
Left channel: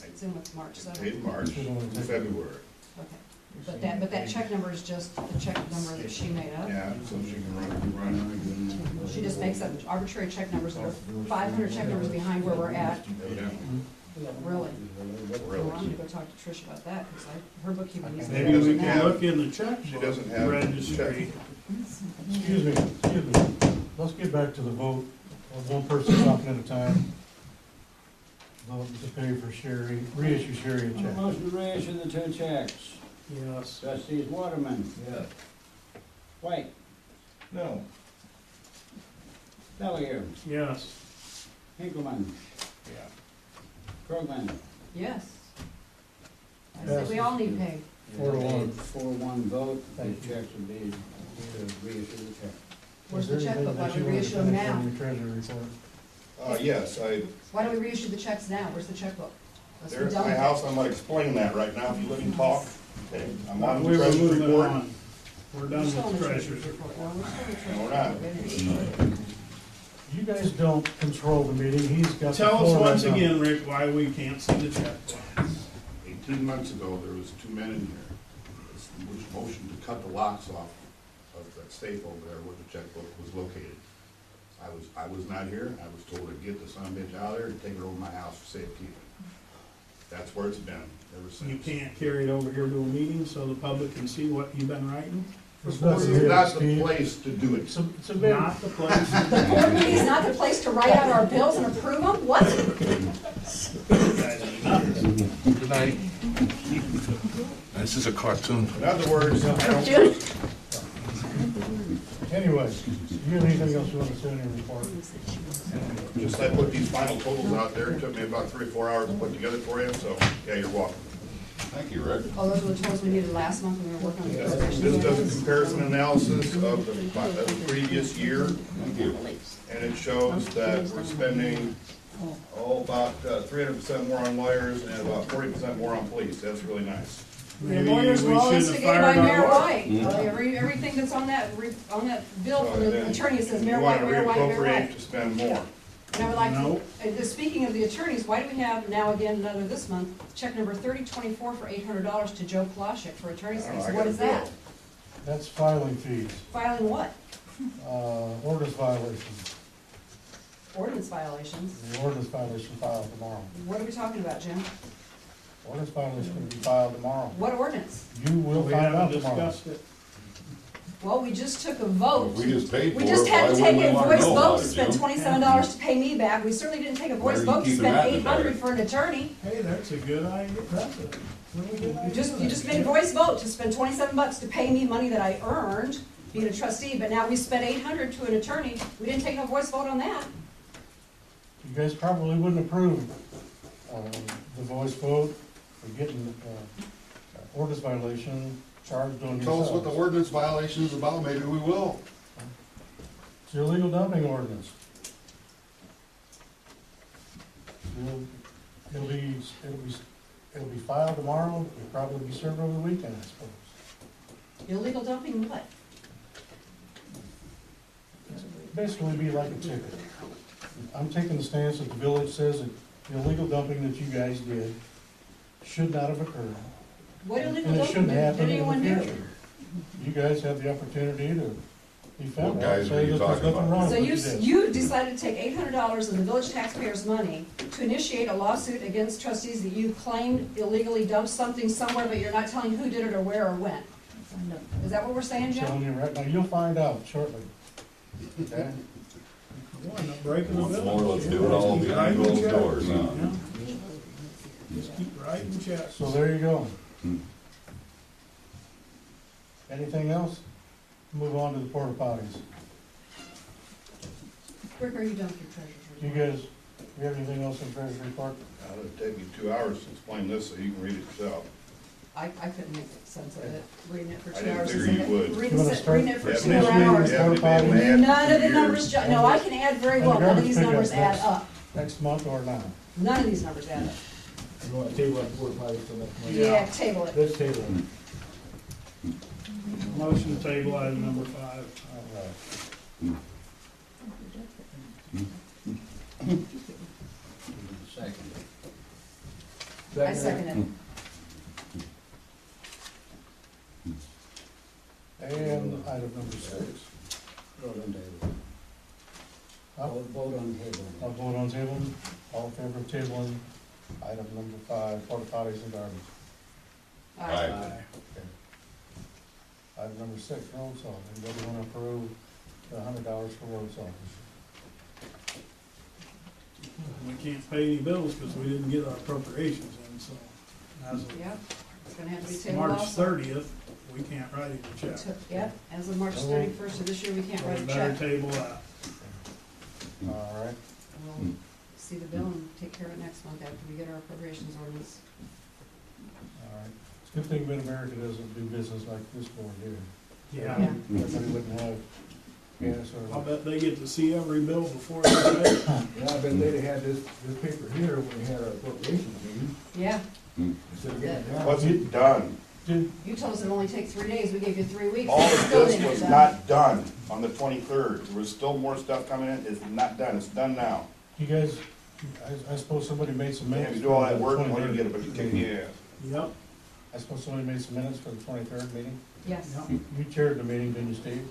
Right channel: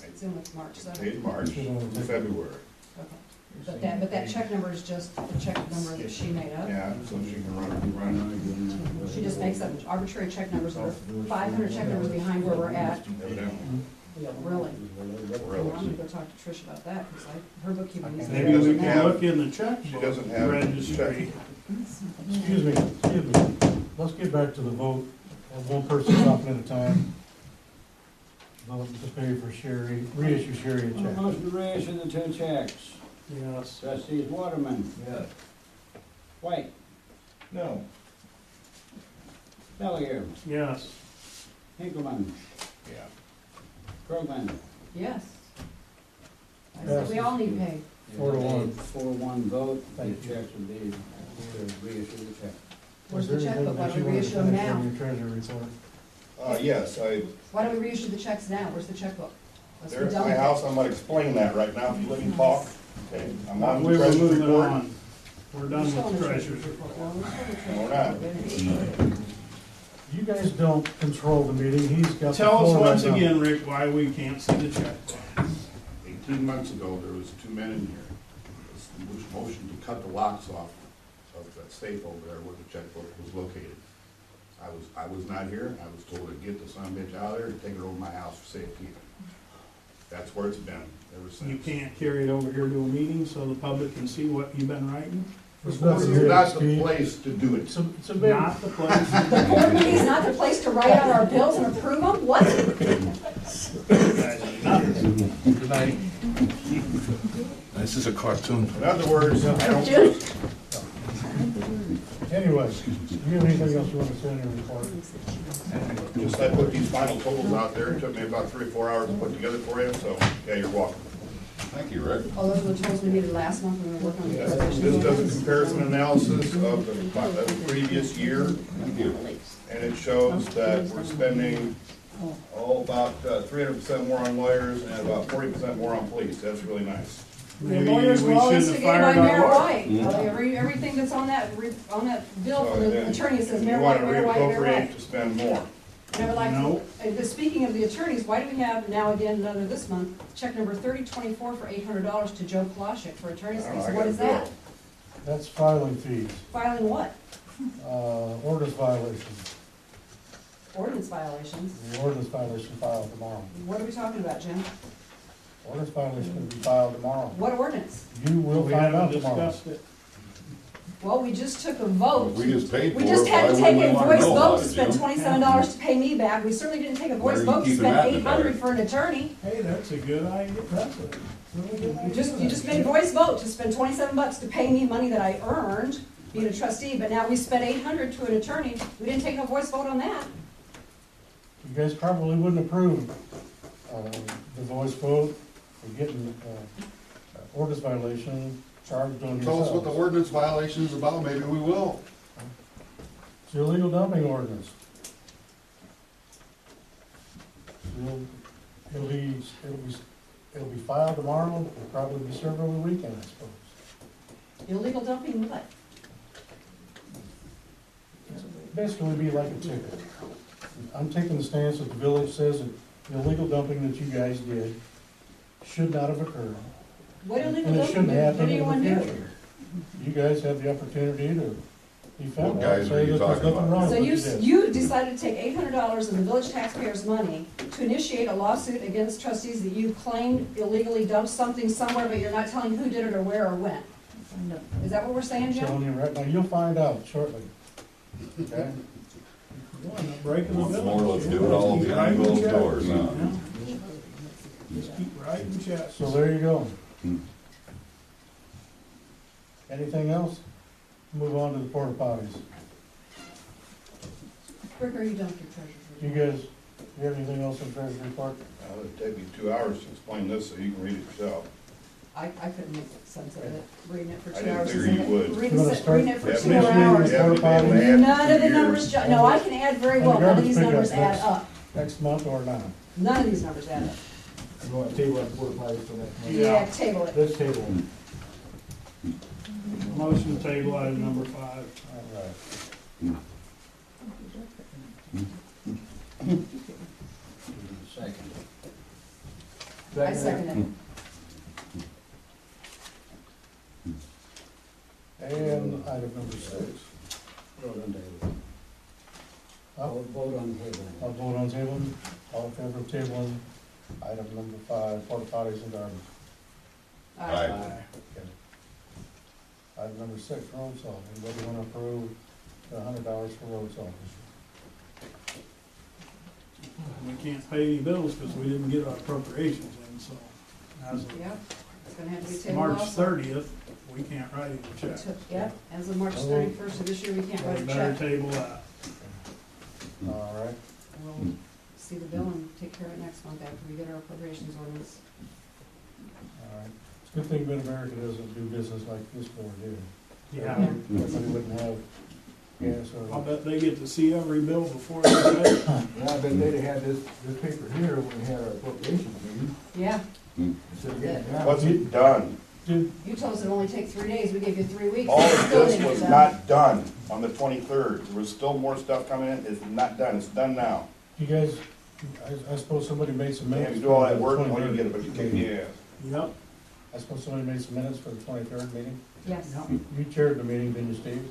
Right. It's in with March 7th. Paid in March, February. Okay. But that check number is just the check number that she made up? Yeah, so she can run it. She just makes up arbitrary check numbers that are 500 check numbers behind where we're at. Evidently. Really? Well, I'm gonna go talk to Trish about that, because her bookkeeping needs to be Maybe better we than can that. look in the She checkbook doesn't have registry. Excuse me. Let's get back to the vote. One person talking at a time. Vote to pay for Sherri, reissue Sherri a On the check. motion to reissue the 2 checks. Yes. Trustees Waterman, Yeah. White, No. Bellier, Yes. Hinkelman, Yeah. Krogman. Yes. I said we all need paid. 4-1. 4-1 vote, the Thank you. checks would be to reissue the check. Where's Was the there anything checkbook? Why that don't you we wanted to reissue them finish now? on your treasury report? Yes, Why don't we reissue the checks now? Where's the checkbook? Let's be They're at done my with it. house, I'm gonna explain that right now, if you let me talk. Okay, I'm on We the were treasurer's moving report. on. We're done We're still on with the treasurer's report. report. Well, we're still on the No, we're treasurer's not. report. You guys don't control the meeting. He's got the Tell us floor right once now. again, Rick, why we can't see the checkbook. 18 months ago, there was 2 men in here, which motioned to cut the locks off of that safe over there where the checkbook was located. I was not here, I was told to get the son of a bitch out of there and take it over to my house for safekeeping. That's where it's been ever since. You can't carry it over here to a meeting so the public can see what you've been writing? It's This not is here, not the Steve. place to do it. It's a big, Not the place. The board meeting is not the place to write out our bills and approve them? What? Good night. This is a cartoon. In other words, I don't, anyway, do you have anything else you want to say in your report? just I put these final totals out there, it took me about 3 or 4 hours to put together for you, so, yeah, you're welcome. Thank you, Rick. Oh, those were the totals we needed last month when we were working on the This appropriation does a ordinance? comparison analysis of the previous year, Thank you. and it shows that we're spending, about 300% more on lawyers and about 40% more on police. That's really nice. The Maybe lawyers we were all shouldn't have instigated by fired our Mayor lawyer. White. Everything that's on that bill from So the then attorney says you Mayor want White, to Mayor White, Mayor reappropriate White. to spend more. And I would like No. to, speaking of the attorneys, why do we have now again another this month, check number 3024 for $800 to Joe Kloschik for attorney's I don't fees? know, I What got is a bill. that? That's filing fees, Filing what? ordinance violations. Ordinance violations. The ordinance violation filed tomorrow. What are we talking about, Jim? Ordinance violation will be filed tomorrow. What ordinance? You will We find out haven't tomorrow. discussed it. Well, we just took a vote. We just paid for We it. just had to Why take wouldn't a we wanna voice know vote about to it, spend Jim? $27 to pay me back. We certainly didn't take a Why voice are you vote to keeping spend that in the dark? $800 for an attorney. Hey, that's a good idea, that's a really good idea. You just made a voice vote to spend $27 to pay me money that I earned being a trustee, but now we spent $800 to an attorney. We didn't take no voice vote on that. You guys probably wouldn't approve, the voice vote for getting, ordinance violation charged on yourselves. Tell us what the ordinance violation is about, maybe we will. It's your illegal dumping ordinance. It'll be filed tomorrow, it'll probably be served over the weekend, I suppose. Illegal dumping what? Basically be like a ticket. I'm taking the stance that the village says that the illegal dumping that you guys did should not have occurred. What illegal And it dumping shouldn't did happen in anyone the do? future. You guys have the opportunity to defend What that, guys are say you that there's talking nothing about? wrong So with you, what you did. you decided to take $800 of the village taxpayers' money to initiate a lawsuit against trustees that you claimed illegally dumped something somewhere, but you're not telling who did it or where or when. Is that what we're saying, I'm telling Jim? you right now, you'll find out shortly. Okay? You want to breaking the Once village. more, let's do it all Just keep behind writing closed checks, doors, you huh? know? Just keep writing checks. So there you go. Hmm. Anything else? Move on to the porta potties. Rick, are you done with your treasurer's Do you report? guys, do you have anything else in treasury report? It'd take me 2 hours to explain this so you can read it yourself. I couldn't make sense of it, reading it for I 2 didn't hours. figure isn't you it? would. Reading You wanna it- start- reading it for Yeah, 2 next meeting, hours. you haven't been able to add None of the 2 numbers, years. no, I can add very And well, the none of garbage these pickup numbers add next- up. Next month or not? None of these numbers add up. You want to table that porta potties till next month? Yeah, table it. Let's table it. Motion to table item number 5. All right. Second. I second it. And item number 6. Vote on table. Vote on table. I'll vote on tabling. All in favor of tabling item number 5, porta potties and garbage. Aye. Okay. Item number 6, road salt. Anybody want to approve the $100 for road salt this year? We can't pay any bills because we didn't get our appropriations in, so as of Yep, it's gonna have to be tabled March also. 30th, we can't write any check. Yep, as of March 31st of this year, we can't So write we a better check. table that. All right. We'll see the bill and take care of it next month after we get our appropriations ordinance. All right. It's a good thing MidAmerica doesn't do business like this board here. Yeah. Everybody wouldn't have gas I'll or. bet they get to see every bill before they pay. Yeah, I bet they'd have had this paper here when we had our appropriations meeting, Yeah, instead of getting it down. Was it done? Did, you told us it'd only take 3 days, we gave you 3 weeks. All and of still this didn't was get not done on the 23rd. There was still more stuff coming in. It's not done. It's done now. you guys, I suppose somebody made some You minutes. have to do all for that the work and when you 23rd get it, but you can't, meeting. yeah. Yep. I suppose somebody made some minutes for the 23rd meeting? Yes. Yep. You chaired the meeting, didn't you, Steve?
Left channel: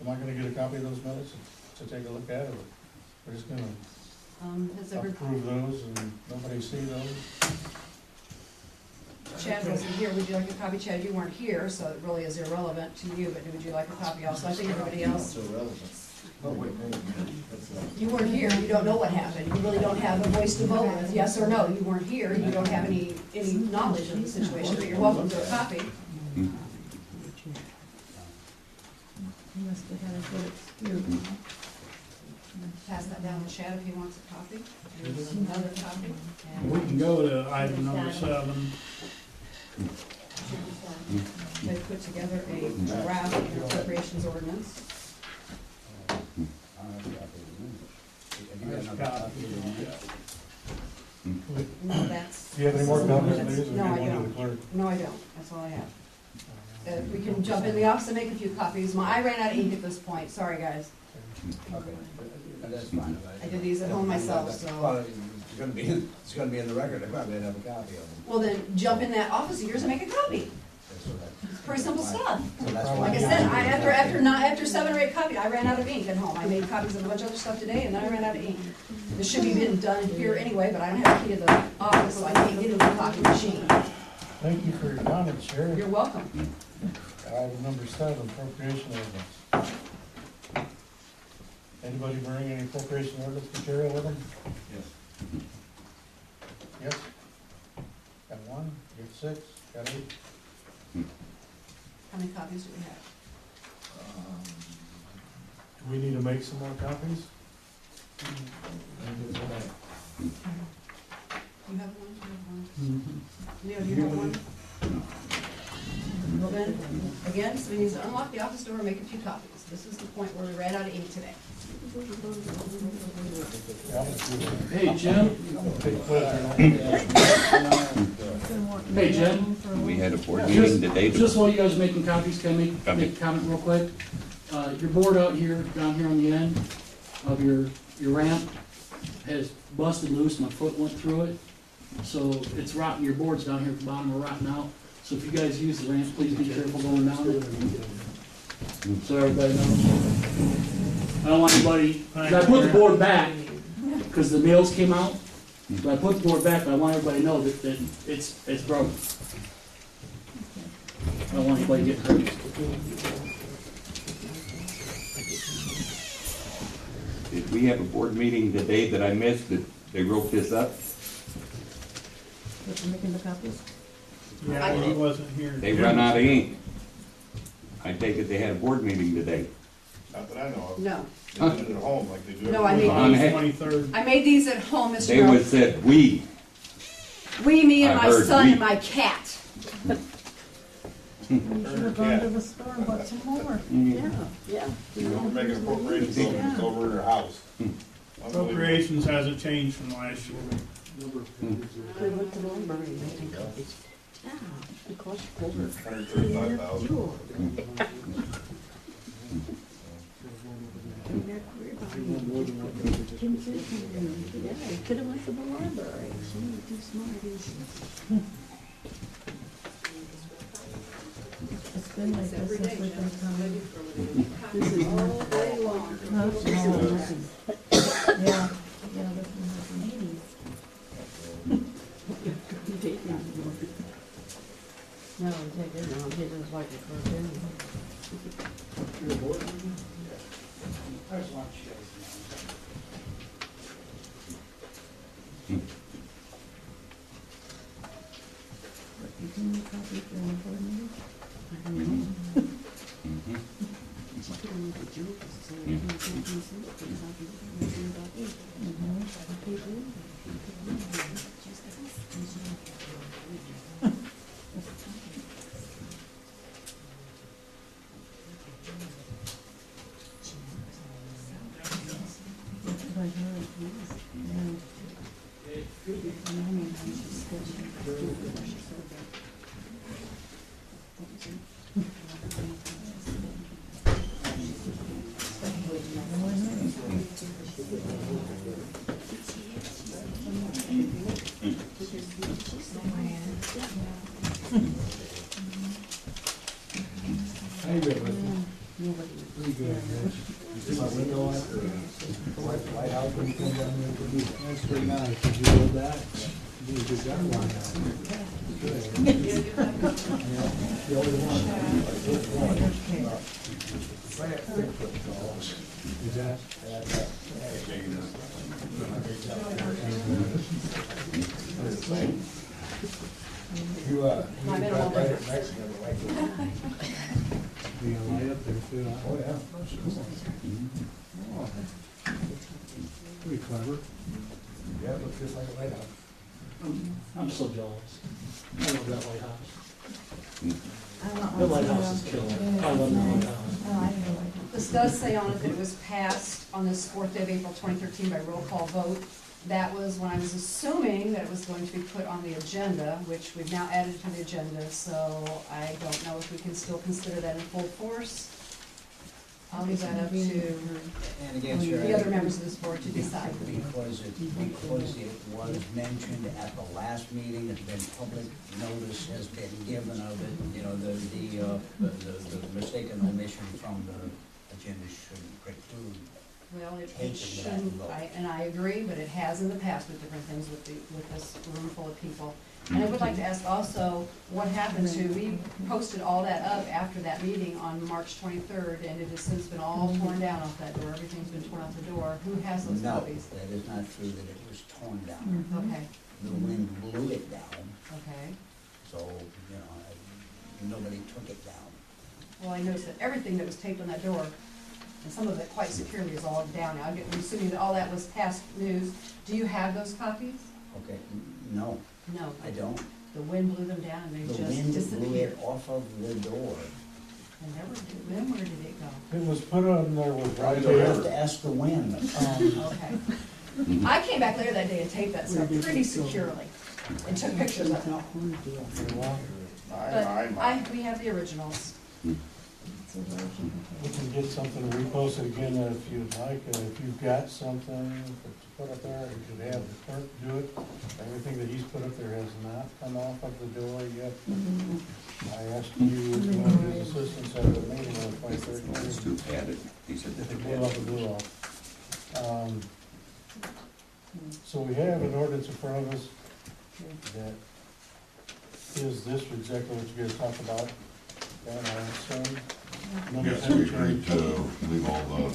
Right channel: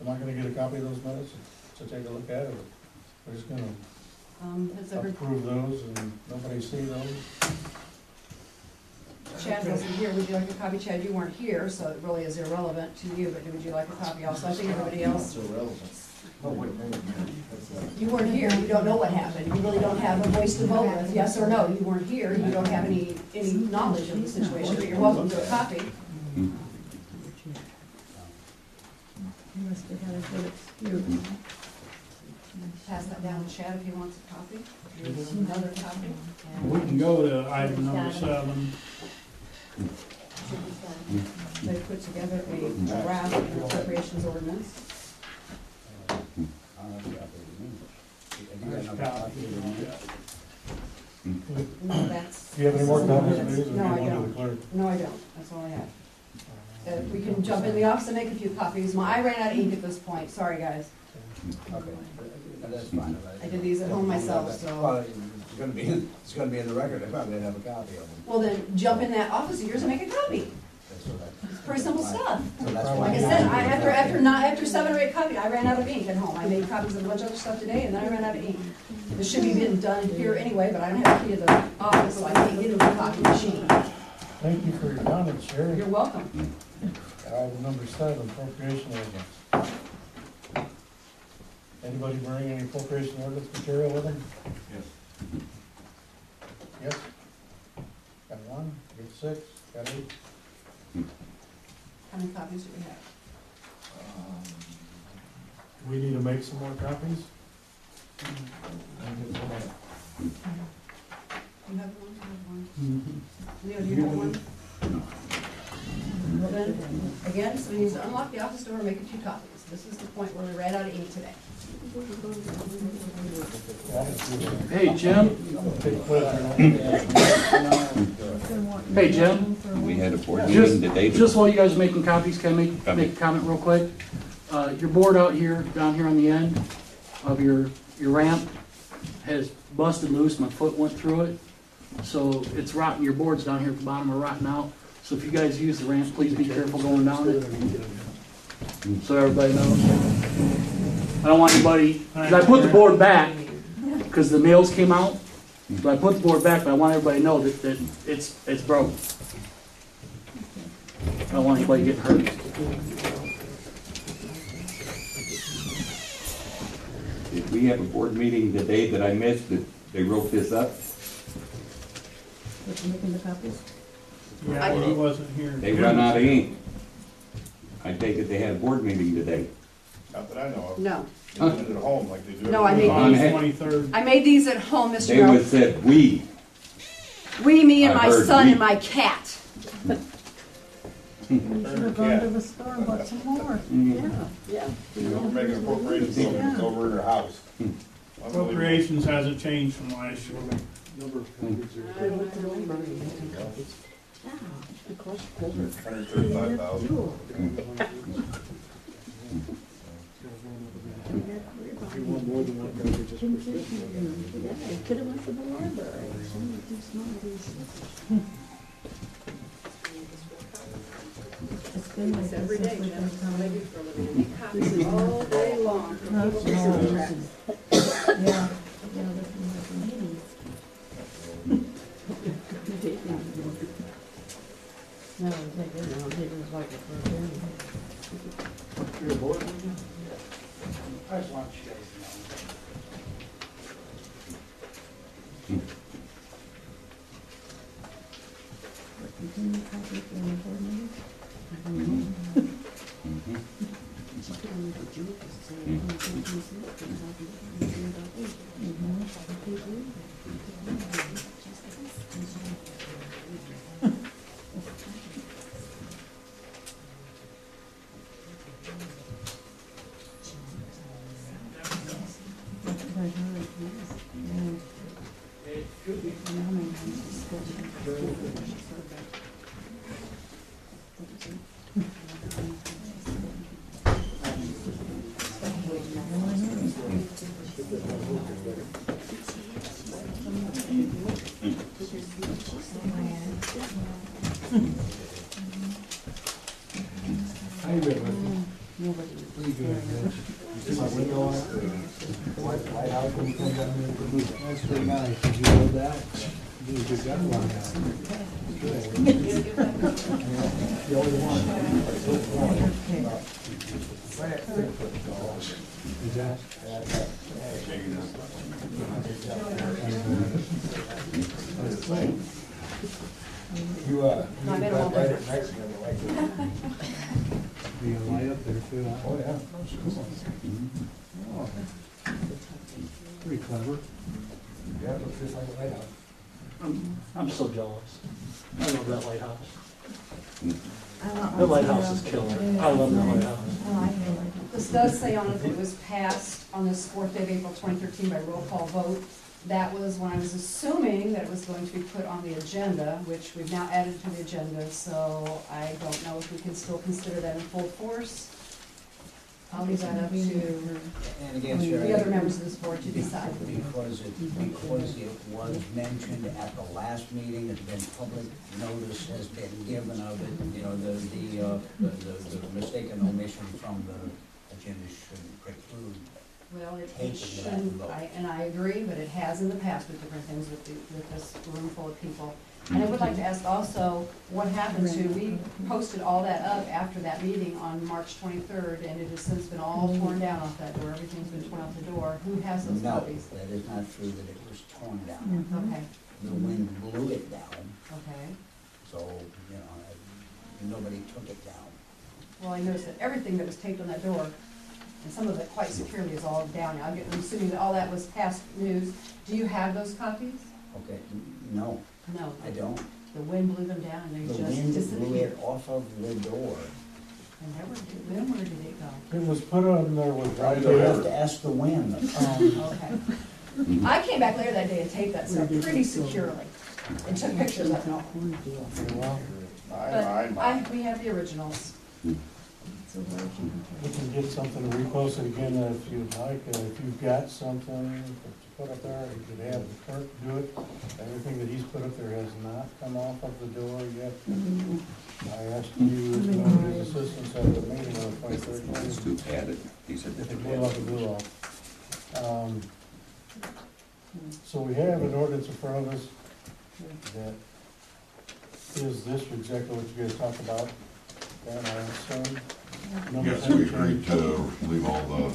Am I gonna get a copy of those minutes to take a look at, or we're just gonna Has ever, approve those and nobody see those? Chad wasn't here, would you like a copy? Chad, you weren't here, so it really is irrelevant to you, but would you like a copy also? I think everybody else, It's irrelevant. Oh, wait, that's, you weren't here, you don't know what happened, you really don't have a voice to vote with, yes or no, you weren't here, you don't have any knowledge of the situation, but you're welcome to a copy. Pass that down to Chad if he wants a copy. Here's another copy. We can go to item number 7. They put together a draft appropriations ordinance. There's a copy. No, that's. Do you have any more copies of these, or do you No, I want to the don't. clerk? No, I don't. That's all I have. We can jump in the office and make a few copies. I ran out of ink at this point. Sorry, guys. Okay, that's fine. I did these at home myself, so. Well, it's gonna be in the record. I probably have a copy of them. Well, then jump in that office of yours and make a copy. That's what I- It's pretty simple stuff. So that's Like why. Like I said, after 7 or 8 copies, I ran out of ink at home. I made copies of a bunch of other stuff today, and then I ran out of ink. This should be getting done here anyway, but I don't have a key to the office, so I can't get into the copy machine. Thank you for your comments, Sherri. You're welcome. Item number 7, appropriation ordinance. Anybody bring any appropriation ordinance material with them? Yes. Yes? Got 1, got 6, got 8? How many copies do we have? Do we need to make some more copies? You have one, you have one. Leo, do you have one? Well then, again, so we need to unlock the office door and make a few copies. This is the point where we ran out of ink today. Hey, Jim. Hey, Jim. We had a board meeting today. Just while you guys are making copies, can I make a comment real quick? Your board out here, down here on the end of your ramp has busted loose. My foot went through it. So it's rotten. Your boards down here at the bottom are rotting out. So if you guys use the ramp, please be careful going down it. So everybody knows. I don't want anybody, 'cause I put the board back because the nails came out. But I put the board back, but I want everybody to know that it's broken. I don't want anybody getting hurt. Did we have a board meeting today that I missed that they wrote this up? What, you making the copies? Yeah, he wasn't here. They run out of ink. I take it they had a board meeting today. Not that I know of. No. They did it at home like they do. No, I every made week. On these. 23rd. I made these at home, Mr. They Miller. was said we. We, me, and I my heard son we. and my cat. Her cat. the store and bought some more. Yeah. We're making appropriations over, it's over in her house. Appropriations hasn't changed from last year. We went to the library and made copies. Yeah, it cost over. $135,000. Yeah, I could have went to the library. She was too smart. It's been like this Every day, since we've Jim. been That's what I do for a living. This is All day long. Yeah, this is like the meetings. No, they didn't, they just like it for them. You're a board meeting? I just want you guys You can make copies for the board meeting? I don't know. She put on like a joke, so you can't use it, but it's not about it. How you been, Leslie? Pretty good, man. See my window on it? Lighthouse when you come down there? That's pretty nice. Did you know that? You did a good job on that. Good. The only one. Right at 6 foot tall. Is that? You got right at Mexican, like it. Be a light up there too. Oh, yeah. Pretty clever. Yeah, it looks just like a lighthouse. I'm so jealous. I love that lighthouse. I The lighthouse is killer. I love that lighthouse. This does say on it that it was passed on this 4th day of April 2013 by roll call vote. That was when I was assuming that it was going to be put on the agenda, which we've now added to the agenda, so I don't know if we can still consider that in full force. I'll leave that up to And again, Sherri, the other members of this board to decide. because it was mentioned at the last meeting, it's been public notice has been given of it, you know, the mistaken omission from the agenda shouldn't preclude. Well, it Taking that shouldn't, vote. and I agree, but it has in the past with different things with this room full of people. And I would like to ask also, what happened to, we posted all that up after that meeting on March 23rd, and it has since been all torn down off that door, everything's been torn out the door. Who has those No, copies? that is not true that it was torn down. Okay, The wind blew it down, okay. so, you know, nobody took it down. Well, I noticed that everything that was taped on that door, and some of it quite securely, is all down now. I'm assuming that all that was past news. Do you have those copies? Okay, no, No. I don't. The wind blew them down and they The just wind blew disappeared. it off of the door. And never did, where did it go? It was put on there with right You have there. to ask the wind. Okay. I came back later that day and taped that stuff pretty securely and took pictures of it. But we have the originals. We can get something to repost it again if you'd like. If you've got something to put up there, you could have the clerk do it. Everything that he's put up there has not come off of the door yet. I asked you, as one of his assistants at the meeting on the 23rd, Add it. He said if it blew off, it blew off. So we have an ordinance in front of us that is this exactly what you guys talked about, and I assume. Number Yes, 10 we agreed change. to leave all the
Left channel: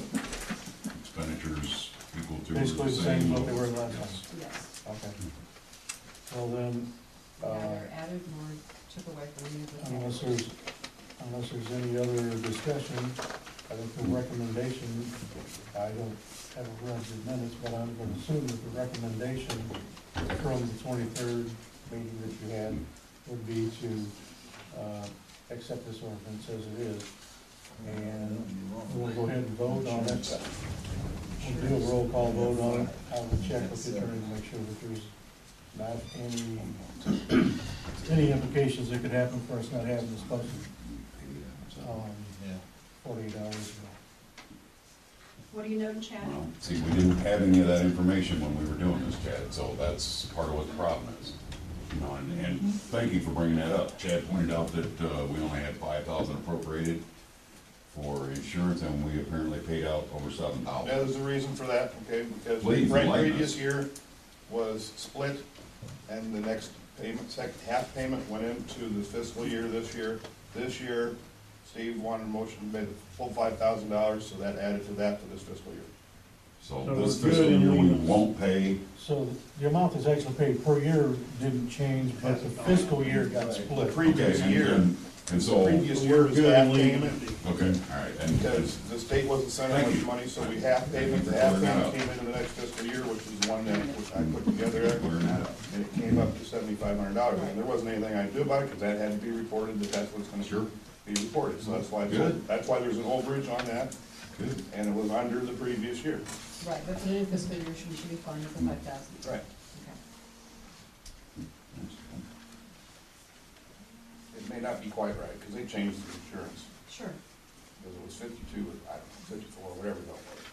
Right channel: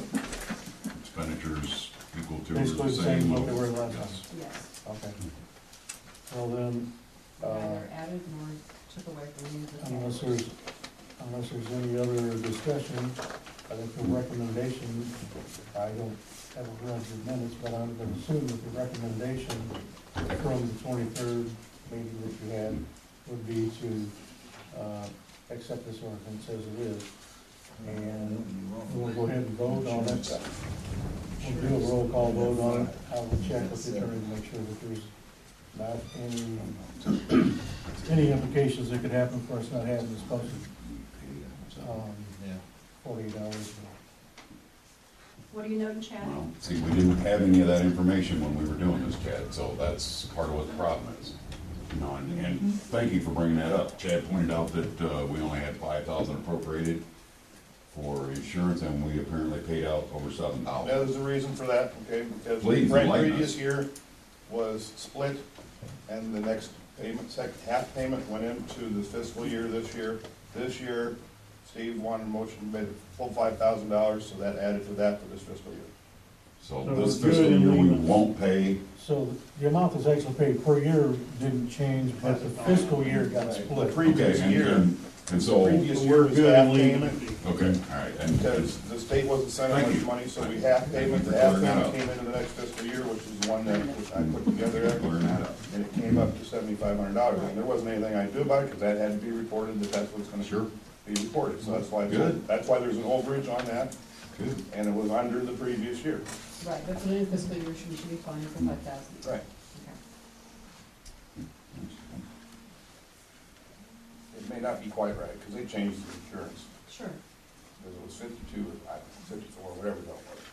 expenditures equal to or Basically the the same same. as what they were last time. Yes. Yes. Okay. Well then, Neither added nor took away from any of the unless categories. there's any other discussion, I think the recommendation, I don't have read the minutes, but I'm gonna assume that the recommendation from the 23rd meeting that you had would be to, accept this ordinance as it is. And we'll go ahead and vote on it. We'll do a roll call vote on it. I will check with the attorney to make sure that there's not any implications that could happen for us not having this posted, 48 hours ago. What are you noting, Chad? Well, see, we didn't have any of that information when we were doing this, Chad, so that's part of what the problem is. You know, and thank you for bringing that up. Chad pointed out that, we only had 5,000 appropriated for insurance, and we apparently paid out over 7,000. That is the reason for that, okay, because Please, the enlighten previous us. year was split, and the next payment, half payment went into the fiscal year this year. This year, Steve wanted a motion, made a full $5,000, so that added to that for this fiscal year. So So this it's good fiscal and year, we legal. won't pay. So the amount that's actually paid per year didn't change, but the fiscal year got The split. previous Okay, year, and so, previous okay, year was half payment, all right, and because the state wasn't sending Thank much you. money, so we half payment, the half payment came into the next fiscal year, which is the one that I put together, clearing that up. and it came up to $7,500, and there wasn't anything I could do about it, because that had to be reported, that's what's gonna Sure. be reported, so that's why, Good. that's why there's an overage on that, Good. and it was under the previous year. Right, but for the new fiscal year, we should be fine for 5,000. Right. Okay. It may not be quite right, because they changed the insurance, Sure. because it was 52, or I don't know, 54, whatever the hell it was.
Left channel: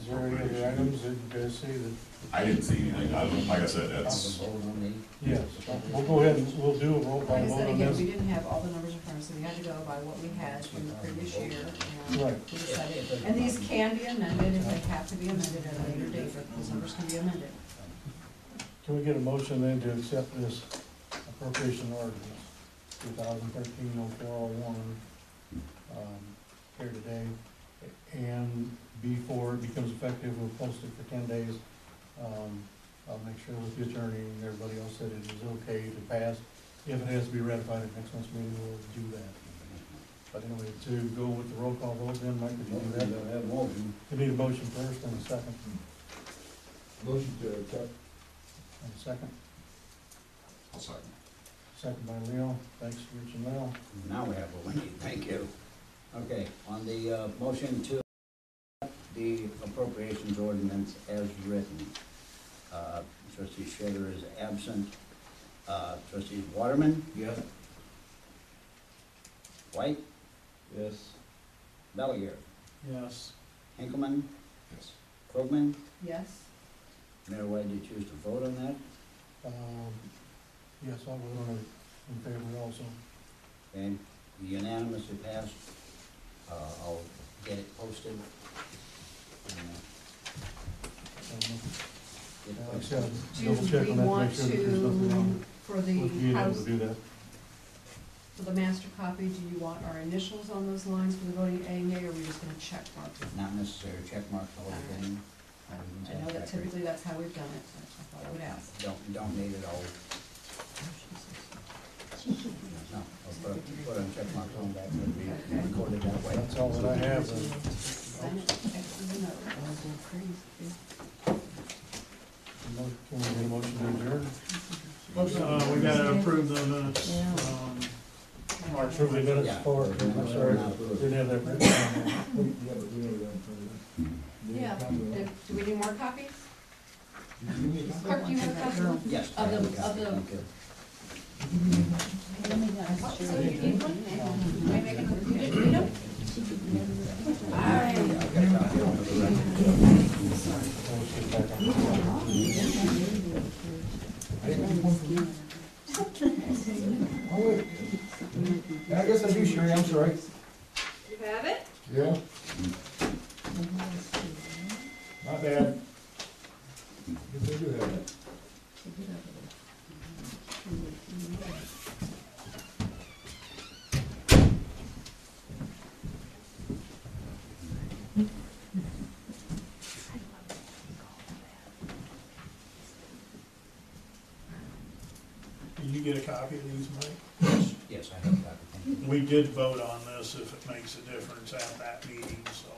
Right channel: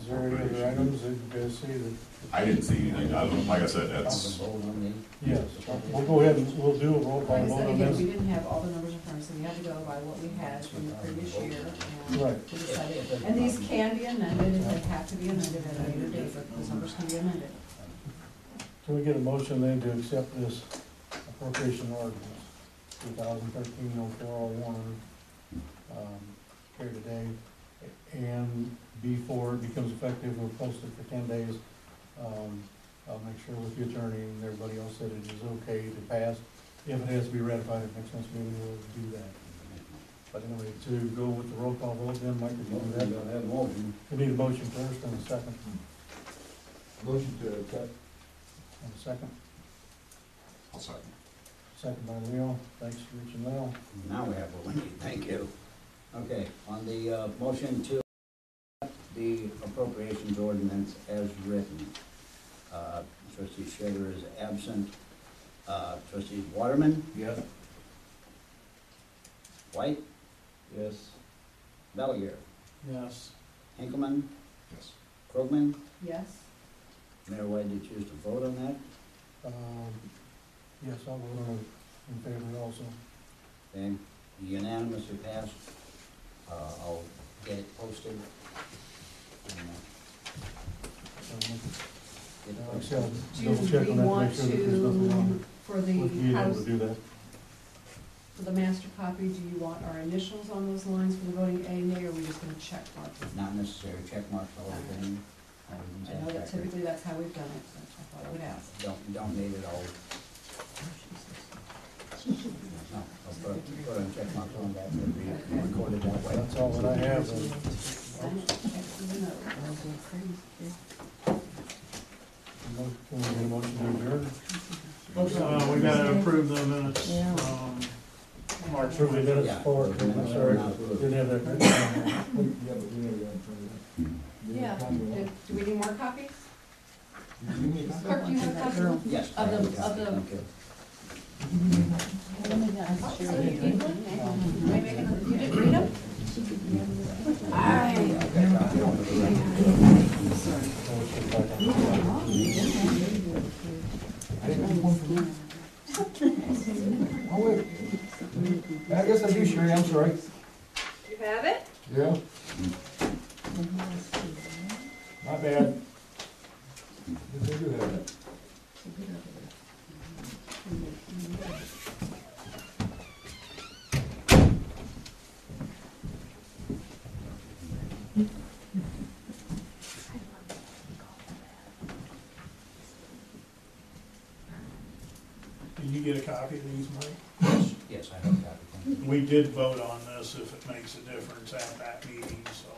Is there any other items that you guys see that? I didn't see anything, like I said, that's, Vote on these. Yes, we'll go ahead and we'll do a roll call Like I vote said, on again, this. we didn't have all the numbers in front of us, so we had to go by what we had from the previous year. And Right. we decided, and these can be amended if they have to be amended at a later date, but those numbers can be amended. Can we get a motion then to accept this appropriation ordinance, 2013-0401, here today? And before it becomes effective, we'll post it for 10 days. I'll make sure with the attorney and everybody else that it is okay to pass. If it has to be ratified at next month's meeting, we'll do that. But anyway, to go with the roll call vote, then, Mike, would you do that? You'll have a motion. We need a motion first and a second. Motion to accept. And a second. I'll second. Second by Leo. Thanks, Rich and Leo. Now we have what we need, thank you. Okay, on the, motion to accept the appropriations ordinance as written, trustee Shedder is absent, trustee Waterman, Yes. White, Yes. Bellier, Yes. Hinkelman, Yes. Yes? Krogman. Mayor, why did you choose to vote on that? Yes, I'll vote on it in favor also. Okay, unanimously passed. I'll get it posted. And, So, get it like I posted. said, Do double check we on that, want make sure that there's nothing wrong. For the Would you be able house, to do that? for the master copy, do you want our initials on those lines for the voting A, nay, or are we just gonna check mark it? Not necessary, check mark the whole thing. I know that typically that's how we've done it, but I thought I would ask. Don't need it all. No, I'll put on check marks on that, it'll be recorded that way. That's all that I have then. Sign it, X's and O's. Can we get a motion to adjourn? We gotta approve the minutes, March Approve the minutes Yeah. for, I'm sorry, didn't have that written down. Yeah, but we never got in front of that. Yeah, do we need more copies? Did you give me a copy? Clerk, do you have a copy? Yes. I Of have a the, copy, of the. thank you. So you need one? Can I make another, you didn't read them? Oh, wait. I guess I do, Sherri, I'm sorry. You have it? Yeah. Not bad. Guess I do have it. Did you get a copy of these, Mike? Yes, I have a copy, thank you. We did vote on this if it makes a difference at that meeting, so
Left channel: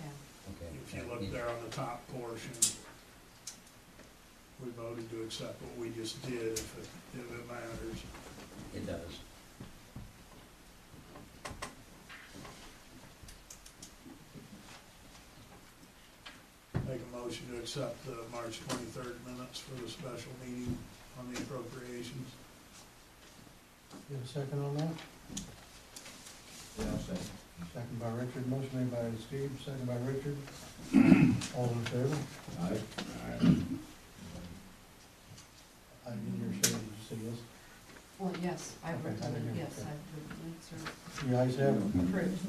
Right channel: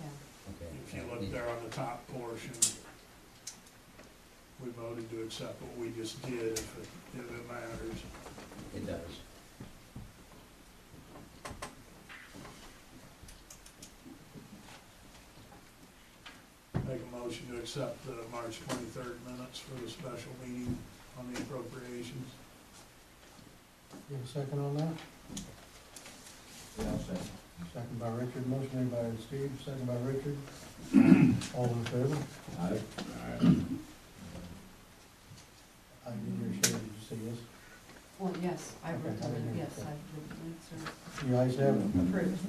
Yeah. Okay. if you look there on the top portion, we voted to accept what we just did if it matters. It does. Make a motion to accept the March 23rd minutes for the special meeting on the appropriations. Get a second on that? Yeah, I'll say. Second by Richard, motion made by Steve, second by Richard. All in favor? Aye. I didn't hear Sherri, did you say yes? Well, yes, I've Okay, written I didn't it, hear, yes, okay. I've written it, sir. You guys have it? Approved.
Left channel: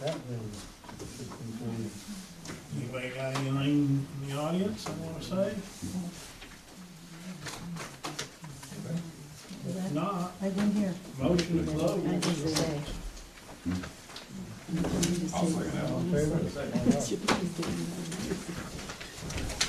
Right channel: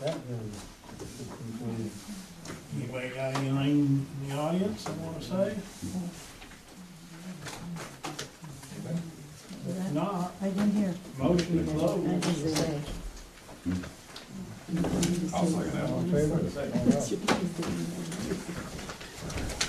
That then should conclude. Anybody got anything in the audience I wanna say? If not, I didn't hear. motion to close. I didn't say. I'll second that All one. in favor? All right.